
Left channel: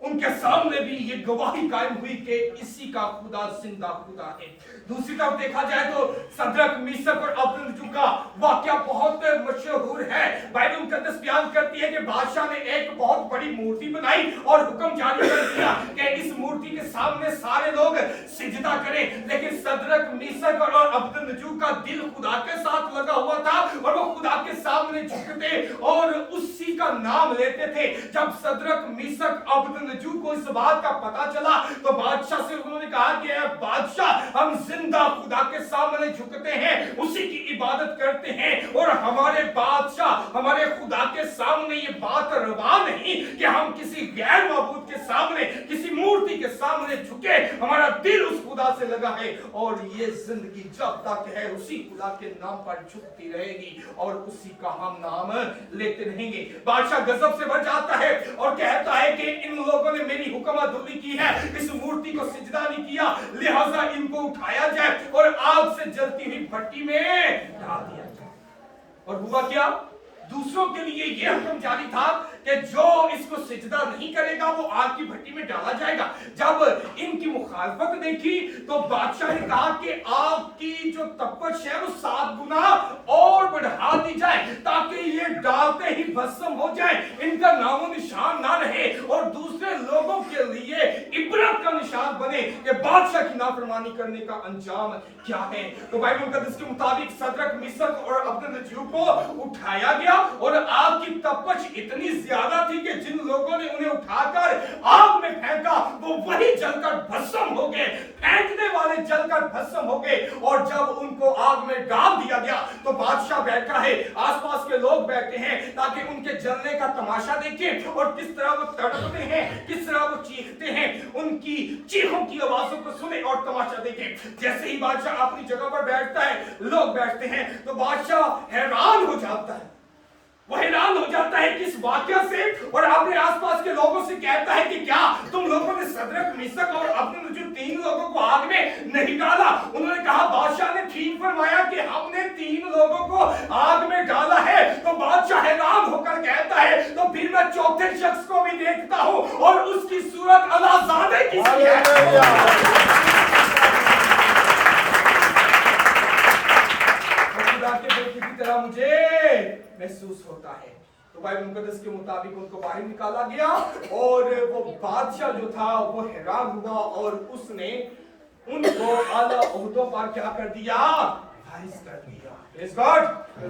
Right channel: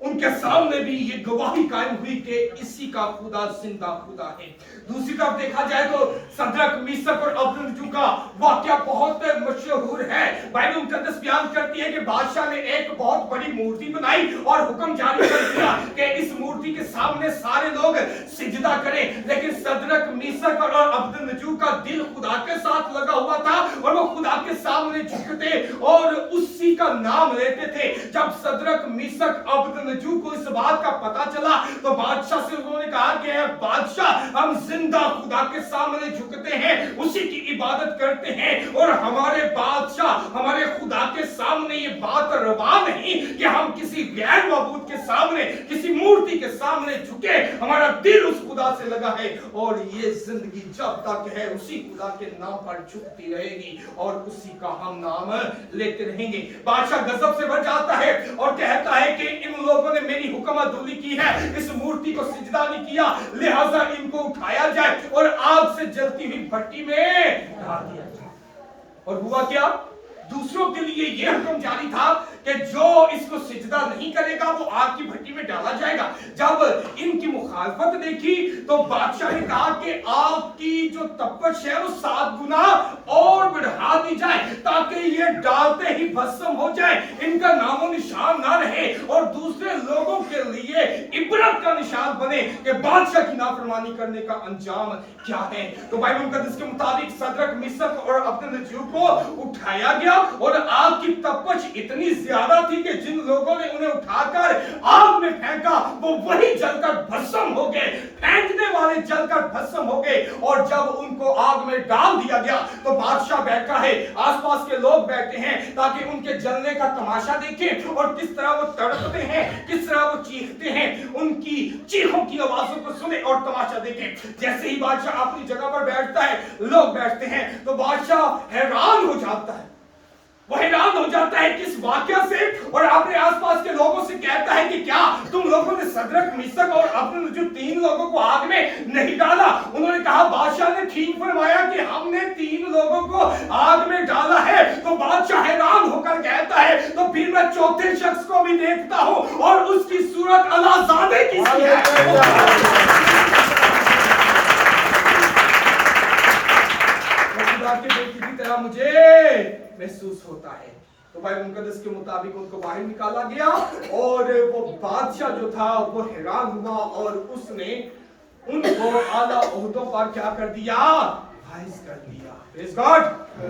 उनके सामने भी ये गवाही कायम हुई कि इसी का खुदा जिंदा खुदा है। दूसरी तरफ देखा जाए तो सदरक, मीसक और अबेदनगो का वाकया बहुत मशहूर है। बाइबल मुकद्दस बयान करती है कि बादशाह ने एक बहुत बड़ी मूर्ति बनाई और हुक्म जारी कर दिया कि इस मूर्ति के सामने सारे लोग सिजदा करें, लेकिन सदरक, मीसक और अबेदनगो का दिल खुदा के साथ लगा हुआ था और वो खुदा के सामने झुकते और उसी मसीह का नाम लेते थे। जब सदरक मिशक अबदनजू को इस बात का पता चला तो बादशाह से उन्होंने कहा कि बादशाह, हम जिंदा खुदा के सामने झुकते हैं, उसी की इबादत करते हैं, और हमारे बादशाह हमारे खुदा के सामने ये बात रवा नहीं कि हम किसी गैर माबूद के सामने, किसी मूर्ति के सामने झुके। हमारा दिल उस खुदा से लगा है और ये जिंदगी जब तक है उसी खुदा के नाम पर झुकती रहेगी और उसी का हम नाम लेते रहेंगे। बादशाह गजब से भर जाता है और कहता है कि इन लोगों ने मेरी हुक्मतुल्ली की है, इस मूर्ति को सिजदा नहीं किया, लिहाजा इनको उठाया जाए और आग से जलती हुई भट्टी में डाल दिया जाए। और हुआ क्या? दूसरों के लिए यह हुक्म जारी था कि जो इसको सिजदा नहीं करेगा वो आग की भट्टी में डाला जाएगा। जब इनकी मुखालफत देखी तो बादशाह ने कहा कि आग की जो तपश है वो 7 गुना और बढ़ा दी जाए ताकि ये डालते ही भस्म हो जाए, इनका नामो निशान ना रहे और दूसरे लोगों के लिए इबरत का निशान बने कि बादशाह की नाफरमानी करने का अंजाम क्या है। तो बाइबल मुकद्दस के मुताबिक सदरक, मिशक और अबदनजू को उठाया गया और आग की तपश इतनी ज्यादा थी कि जिन लोगों ने उन्हें उठाकर आग में फेंका वो वही जलकर भस्म हो गए, फेंकने वाले जलकर भस्म हो गए। और जब उनको आग में डाल दिया गया तो बादशाह बैठा है, आसपास के लोग बैठे हैं ताकि उनके जलने का तमाशा देखें और किस तरह वो तड़पते हैं, किस तरह वो चीखते हैं, उनकी चीखों की आवाजों को सुने और तमाशा देखें। जैसे ही बादशाह अपनी जगह पर बैठता है, लोग बैठते हैं, तो बादशाह हैरान हो जाता है। वो हैरान हो जाता है किस वाकया से, और अपने आसपास के लोगों से कहता है कि क्या तुम लोगों ने सदरक, मिशक और अबदनजू 3 लोगों को आग में नहीं डाला? उन्होंने कहा बादशाह ने ठीक फरमाया कि हमने 3 लोगों को आग में डाला है। तो बादशाह हैरान होकर कहता है तो फिर मैं चौथे शख्स को भी देखता हूं और उसकी सूरत अलाज़ादे की सी है। के बेटे की तरह मुझे महसूस होता है। तो बाइबल मुकद्दस के मुताबिक उनको बाहर निकाला गया और वो बादशाह जो था वो हैरान हुआ और उसने उनको आला ओहदों पर क्या कर दिया? फाइज कर दिया। Praise God.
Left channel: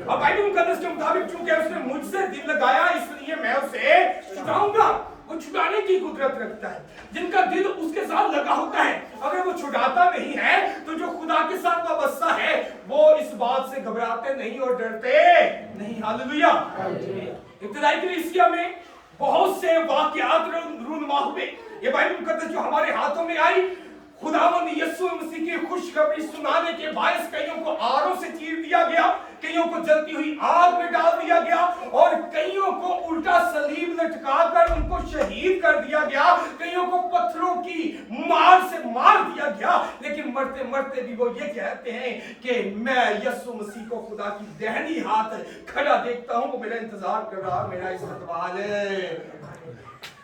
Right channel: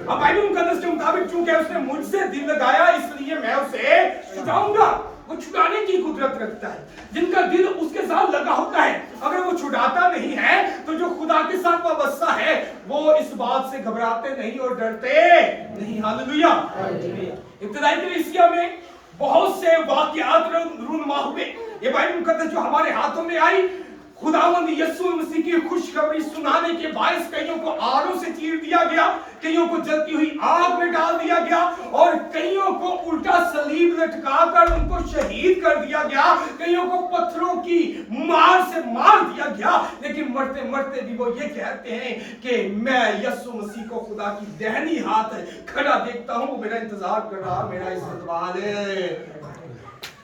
अब बाइबल मुकद्दस के मुताबिक चूंकि उसने मुझसे दिल लगाया इसलिए मैं उसे छुड़ाऊंगा। वो छुड़ाने की कुदरत रखता है। जिनका दिल उसके साथ लगा होता है, अगर वो छुड़ाता नहीं है तो जो खुदा के साथ वाबस्ता है वो इस बात से घबराते नहीं और डरते नहीं। हालेलुया। इब्तिदाई कलीसिया में बहुत से वाकयात रूनुमा हुए। ये बाइबल मुकद्दस जो हमारे हाथों में आई, खुदावंद यीशु मसीह की खुशखबरी सुनाने के बायस कईयों को आरों से चीर दिया गया, कईयों को जलती हुई आग में डाल दिया गया और कईयों को उल्टा सलीब लटकाकर उनको शहीद कर दिया गया, कईयों को पत्थरों की मार से मार दिया गया। लेकिन मरते मरते भी वो ये कहते हैं कि मैं यीशु मसीह को खुदा की दाहिनी हाथ खड़ा देखता हूं, वो मेरा इंतजार कर रहा, मेरा इस्तकबाल है।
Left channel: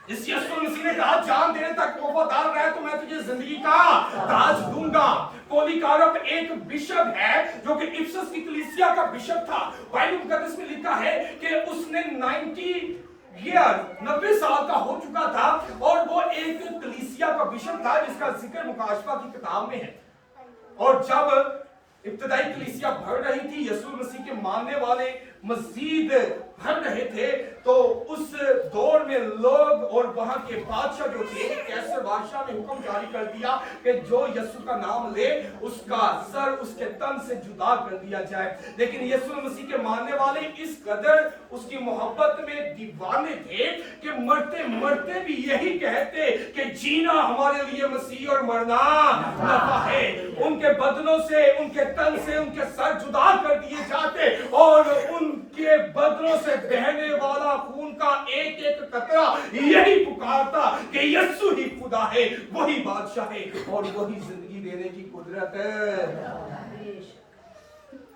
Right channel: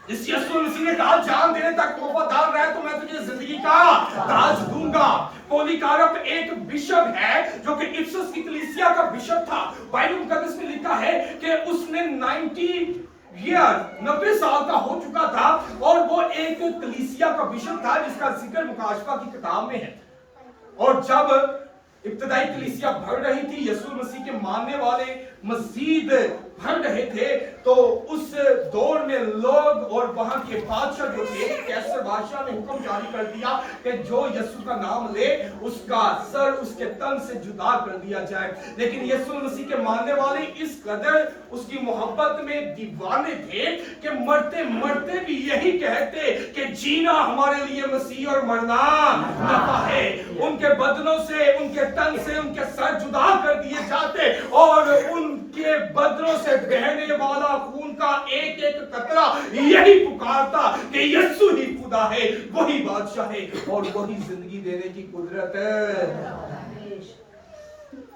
जिस यीशु मसीह ने कहा जान देने तक वफादार रहे तो मैं तुझे जिंदगी का ताज दूंगा। पोलीकार्प एक बिशप है जो कि इफिसस की कलीसिया का बिशप था। बाइबल मुकद्दस में लिखा है कि उसने 90 साल का हो चुका था और वो एक कलीसिया का बिशप था जिसका जिक्र मुकाशफा की किताब में है। और जब इब्तिदाई कलीसिया बढ़ रही थी, यीशु मसीह के मानने वाले मजीद बढ़ रहे थे, तो उस दौर में लोग और वहां के बादशाह जो थे, कैसर बादशाह ने हुक्म जारी कर दिया कि जो यीशु का नाम ले उसका सर उसके तन से जुदा कर दिया जाए। लेकिन यीशु मसीह के मानने वाले इस कदर उसकी मोहब्बत में दीवाने थे कि मरते मरते भी यही कहते कि जीना हमारे लिए मसीह और मरना नफा है। उनके बदनों से, उनके तन से उनके सर जुदा कर दिए जाते और उनके बदनों से बहने वाला खून का एक एक कतरा यही पुकारता कि यीशु ही खुदा है, वही बादशाह है और वही जिंदगी देने की कुदरत है।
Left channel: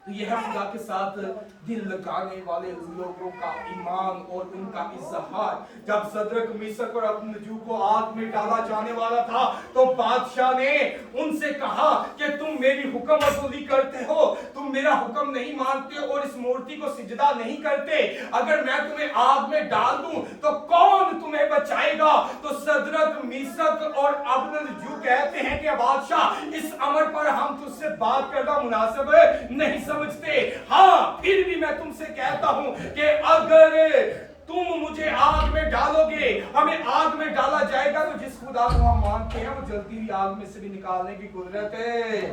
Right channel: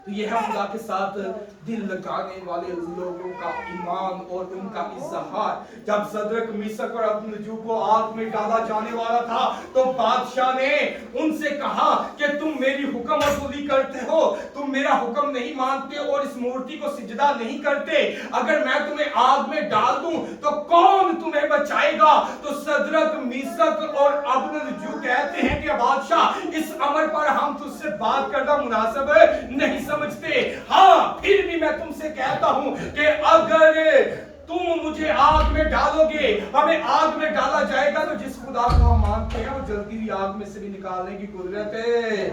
तो यह है खुदा के साथ दिल लगाने वाले लोगों का ईमान और उनका इज़हार। जब सदरक, मिशक और अबदनजू को आग में डाला जाने वाला था तो बादशाह ने उनसे कहा कि तुम मेरी हुक्म असूली करते हो, तुम मेरा हुक्म नहीं मानते और इस मूर्ति को सिजदा नहीं करते। अगर मैं तुम्हें आग में डाल दूं तो कौन तुम्हें बचाएगा? तो सदरक, मिशक और अबदनजू कहते हैं कि बादशाह इस अमर पर हम तुझसे बात करना मुनासिब नहीं समझते। हाँ, फिर भी मैं तुमसे कहता हूं कि अगर तुम मुझे आग में डालोगे, हमें आग में डाला जाएगा, तो जिस खुदा को हम मानते हैं वो जलती हुई आग में से भी निकालने की कुदरत है।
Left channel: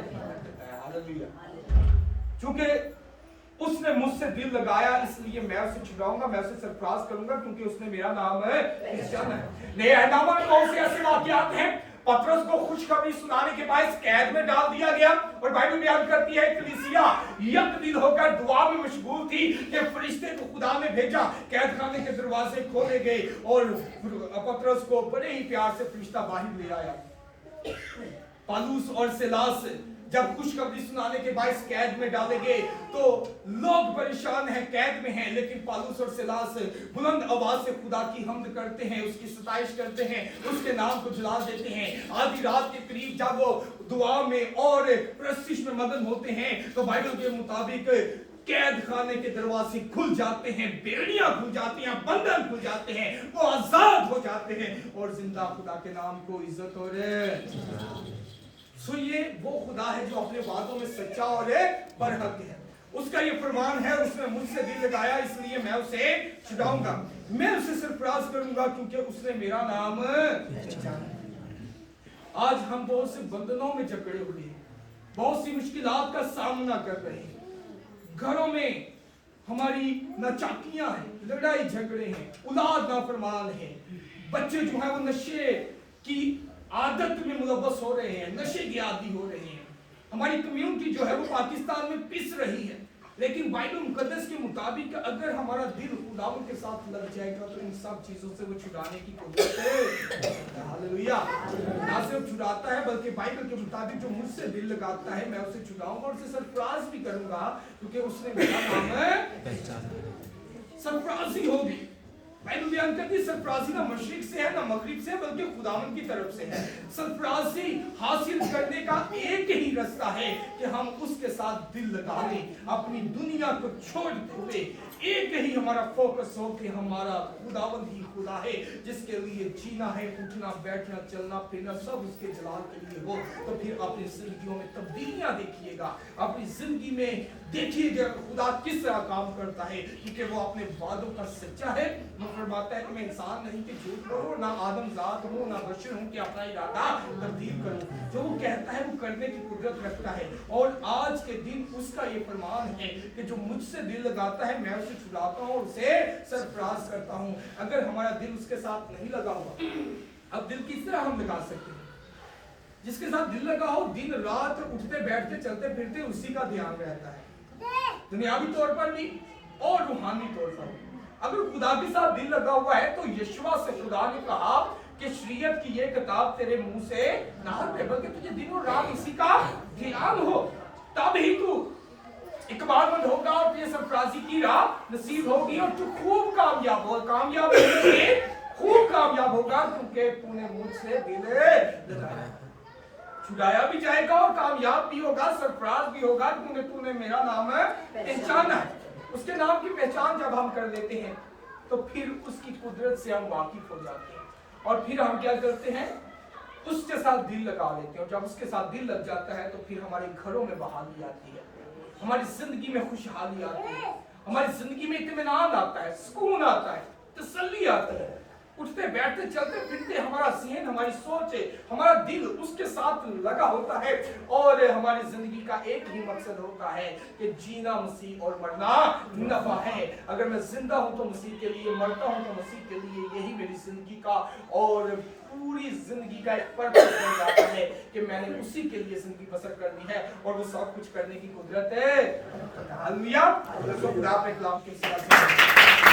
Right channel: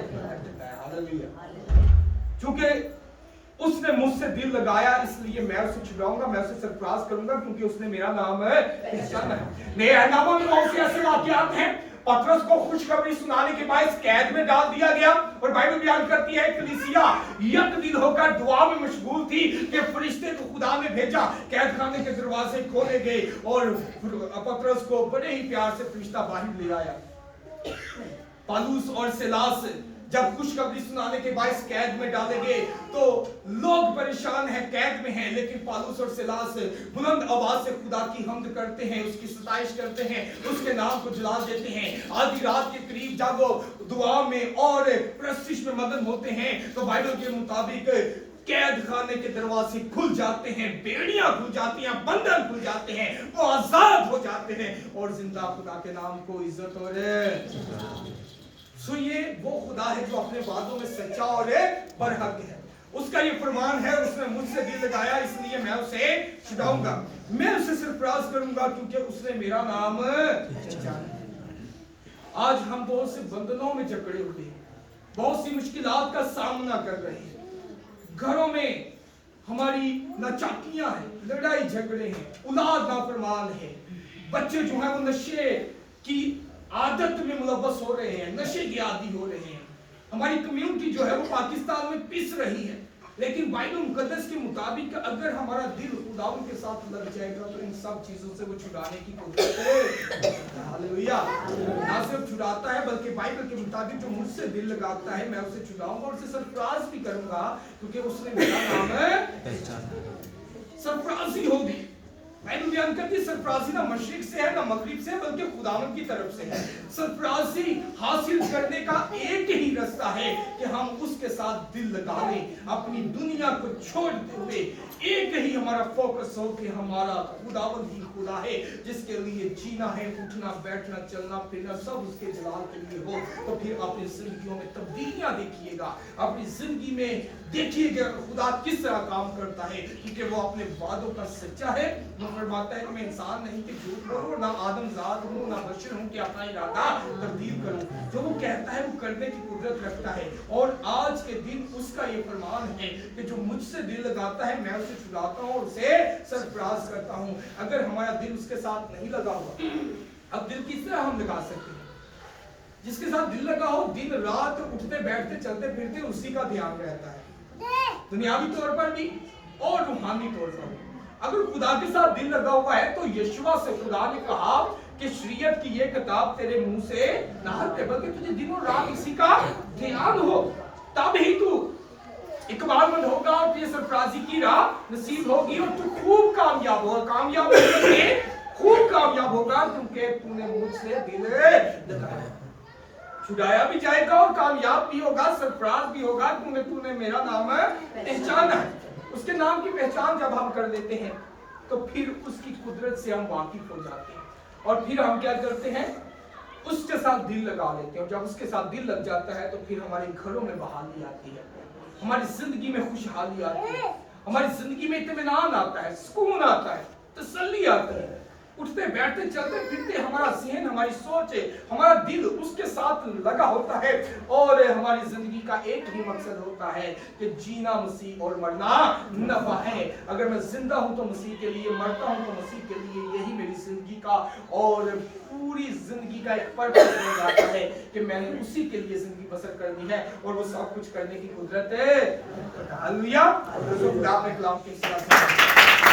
हालेलुया। चूंकि उसने मुझसे दिल लगाया, इसलिए मैं उसे छुड़ाऊंगा, मैं उसे सरफराज करूंगा, क्योंकि उसने मेरा नाम है पहचाना है। नेहनामा में बहुत से ऐसे वाकयात हैं। पतरस को खुशखबरी सुनाने के बाद कैद में डाल दिया गया, और बाइबल बयान करती है कलीसिया यकदिल होकर दुआ में मशगूल थी कि फरिश्ते को खुदा ने भेजा, कैद खाने के दरवाजे खोले गए और पतरस को बड़े ही प्यार से फरिश्ता बाहर ले आया। पौलुस और सिलास जब खुशखबरी सुनाने के बाद कैद में डाले गए, तो लोग परेशान हैं, कैद में हैं, लेकिन पौलुस और सिलास बुलंद आवाज से खुदा की हम्द करते हैं, उसकी सताइश करते हैं, उसके नाम को जलाल देते हैं। आधी रात के करीब जब वो दुआ में और प्रस्तिश में मगन होते हैं, तो बाइबल के मुताबिक कैद खाने के दरवाजे खुल जाते हैं, बेड़ियां खुल जाती हैं, बंधन खुल जाते हैं, वो आजाद हो जाते हैं और जिंदा खुदा के नाम को इज्जत और सो ये वो खुदा है जो अपने वादों में सच्चा और बरहक है। उसका ये फरमान है, उसने मुझसे दिल लगाया, इसलिए मैं उसे छुड़ाऊंगा, मैं उसे सरफराज करूंगा, क्योंकि उसने मेरा नाम जाना। आज हम बहुत से बंधनों में जकड़े हुए हैं, बहुत सी मुश्किलात का सामना कर रहे हैं। घरों में हमारी नाचाकियां हैं, लड़ाई झगड़े हैं, औलाद नाफरमान है, बच्चे जो है वो नशे की आदत में मुलव्वस हो रहे हैं, नशे के आदी हो रहे हैं। हमारी कम्युनिटी जो है वो पाकिस्तान में पिस रही है, लेकिन बाइबल मुकद्दस के मुताबिक अगर हमारा दिल खुदा के साथ लग जाएगा तो इन सब चीजों से वो छुड़ाने की कुदरत है। हालेलुया। ना सिर्फ छुड़ाता है, बल्कि बाइबल के मुताबिक जो मुझसे दिल लगाता है मैं उसे छुड़ाऊंगा और उसे सरफराज भी करूंगा, क्योंकि उसने मेरा नाम पहचाना। सरफराजी होगी। बाइबल बयान करती है सरफराजी ना मशरिक से है ना मगरिब से, बल्कि खुदावंद की तरफ से है। सरफराजी हासिल करने का एक ही रास्ता है कि हम उसके साथ दिल लगा लें, अपनी दुनिया को छोड़ते हुए एक ही हमारा फोकस हो कि हमारा खुदावंद ही खुदा है, जिसके लिए जीना है, उठना बैठना चलना फिरना सब उसके जलाल के लिए हो। तो फिर अपनी जिंदगियों में तब्दीलियां देखिएगा, अपनी जिंदगी में देखिएगा खुदा किस तरह काम करता है, क्योंकि वो अपने वादों का सच्चा है। वो फरमाता है कि मैं इंसान नहीं कि झूठ बोलूं, ना आदम जात हूं, ना बशर हूं कि अपना इरादा तब्दील करूं। जो वो कहता है वो करने की कुदरत रखता है, और आज के दिन उसका ये फरमान है कि जो मुझसे दिल लगाता है मैं उसे छुड़ाता हूं और उसे सरफराज करता हूं। अगर हमारा दिल उसके साथ नहीं लगा हुआ, अब दिल किस तरह हम लगा सकते हैं? जिसके साथ दिल लगा हो, दिन रात उठते बैठते चलते फिरते उसी का ध्यान रहता है, दुनियावी तौर पर भी और रूहानी तौर पर भी। अगर खुदा के साथ दिल लगा हुआ है तो यशवा से खुदा ने कहा कि शरीयत की ये किताब तेरे मुंह से ना हटे, बल्कि तुझे दिनों रात इसी का ध्यान हो, तब ही तू इकबालमंद होगा और तुझे सरफराजी की राह नसीब होगी और तू खूब कामयाब होगा। कामयाब होगा, खूब कामयाब होगा, क्योंकि तूने मुझसे दिल लगाया। छुड़ाया भी जाएगा और कामयाब भी होगा, सरफराज भी होगा, क्योंकि तूने मेरा नाम पहचाना है। उसके नाम की पहचान जब हम कर लेते हैं तो फिर उसकी कुदरत से हम वाकिफ हो जाते हैं, और फिर हम क्या करते हैं, उसके साथ दिल लगा लेते हैं। और जब उसके साथ दिल लग जाता है तो फिर हमारे घरों में बहाली आती है, हमारी जिंदगी में खुशहाली आती है, हमारी जिंदगी में इत्मीनान आता है, सुकून आता है, तसल्ली आती है। उठते बैठते चलते फिरते हमारा ज़हन, हमारी सोच, हमारा दिल उसके साथ लगा होता है, और हमारी जिंदगी का एक ही मकसद होता है कि जीना मसीह और मरना नफा है। अगर मैं जिंदा हूं तो मसीह के लिए, मरता हूं तो मसीह के लिए, यही मेरी जिंदगी का और पूरी जिंदगी का एक पर्पस बन जाता है कि मैंने उसी के लिए जिंदगी बसर करनी है, और वो सब कुछ करने की कुदरत है। हालेलुया। तो खुदा अपने कलाम के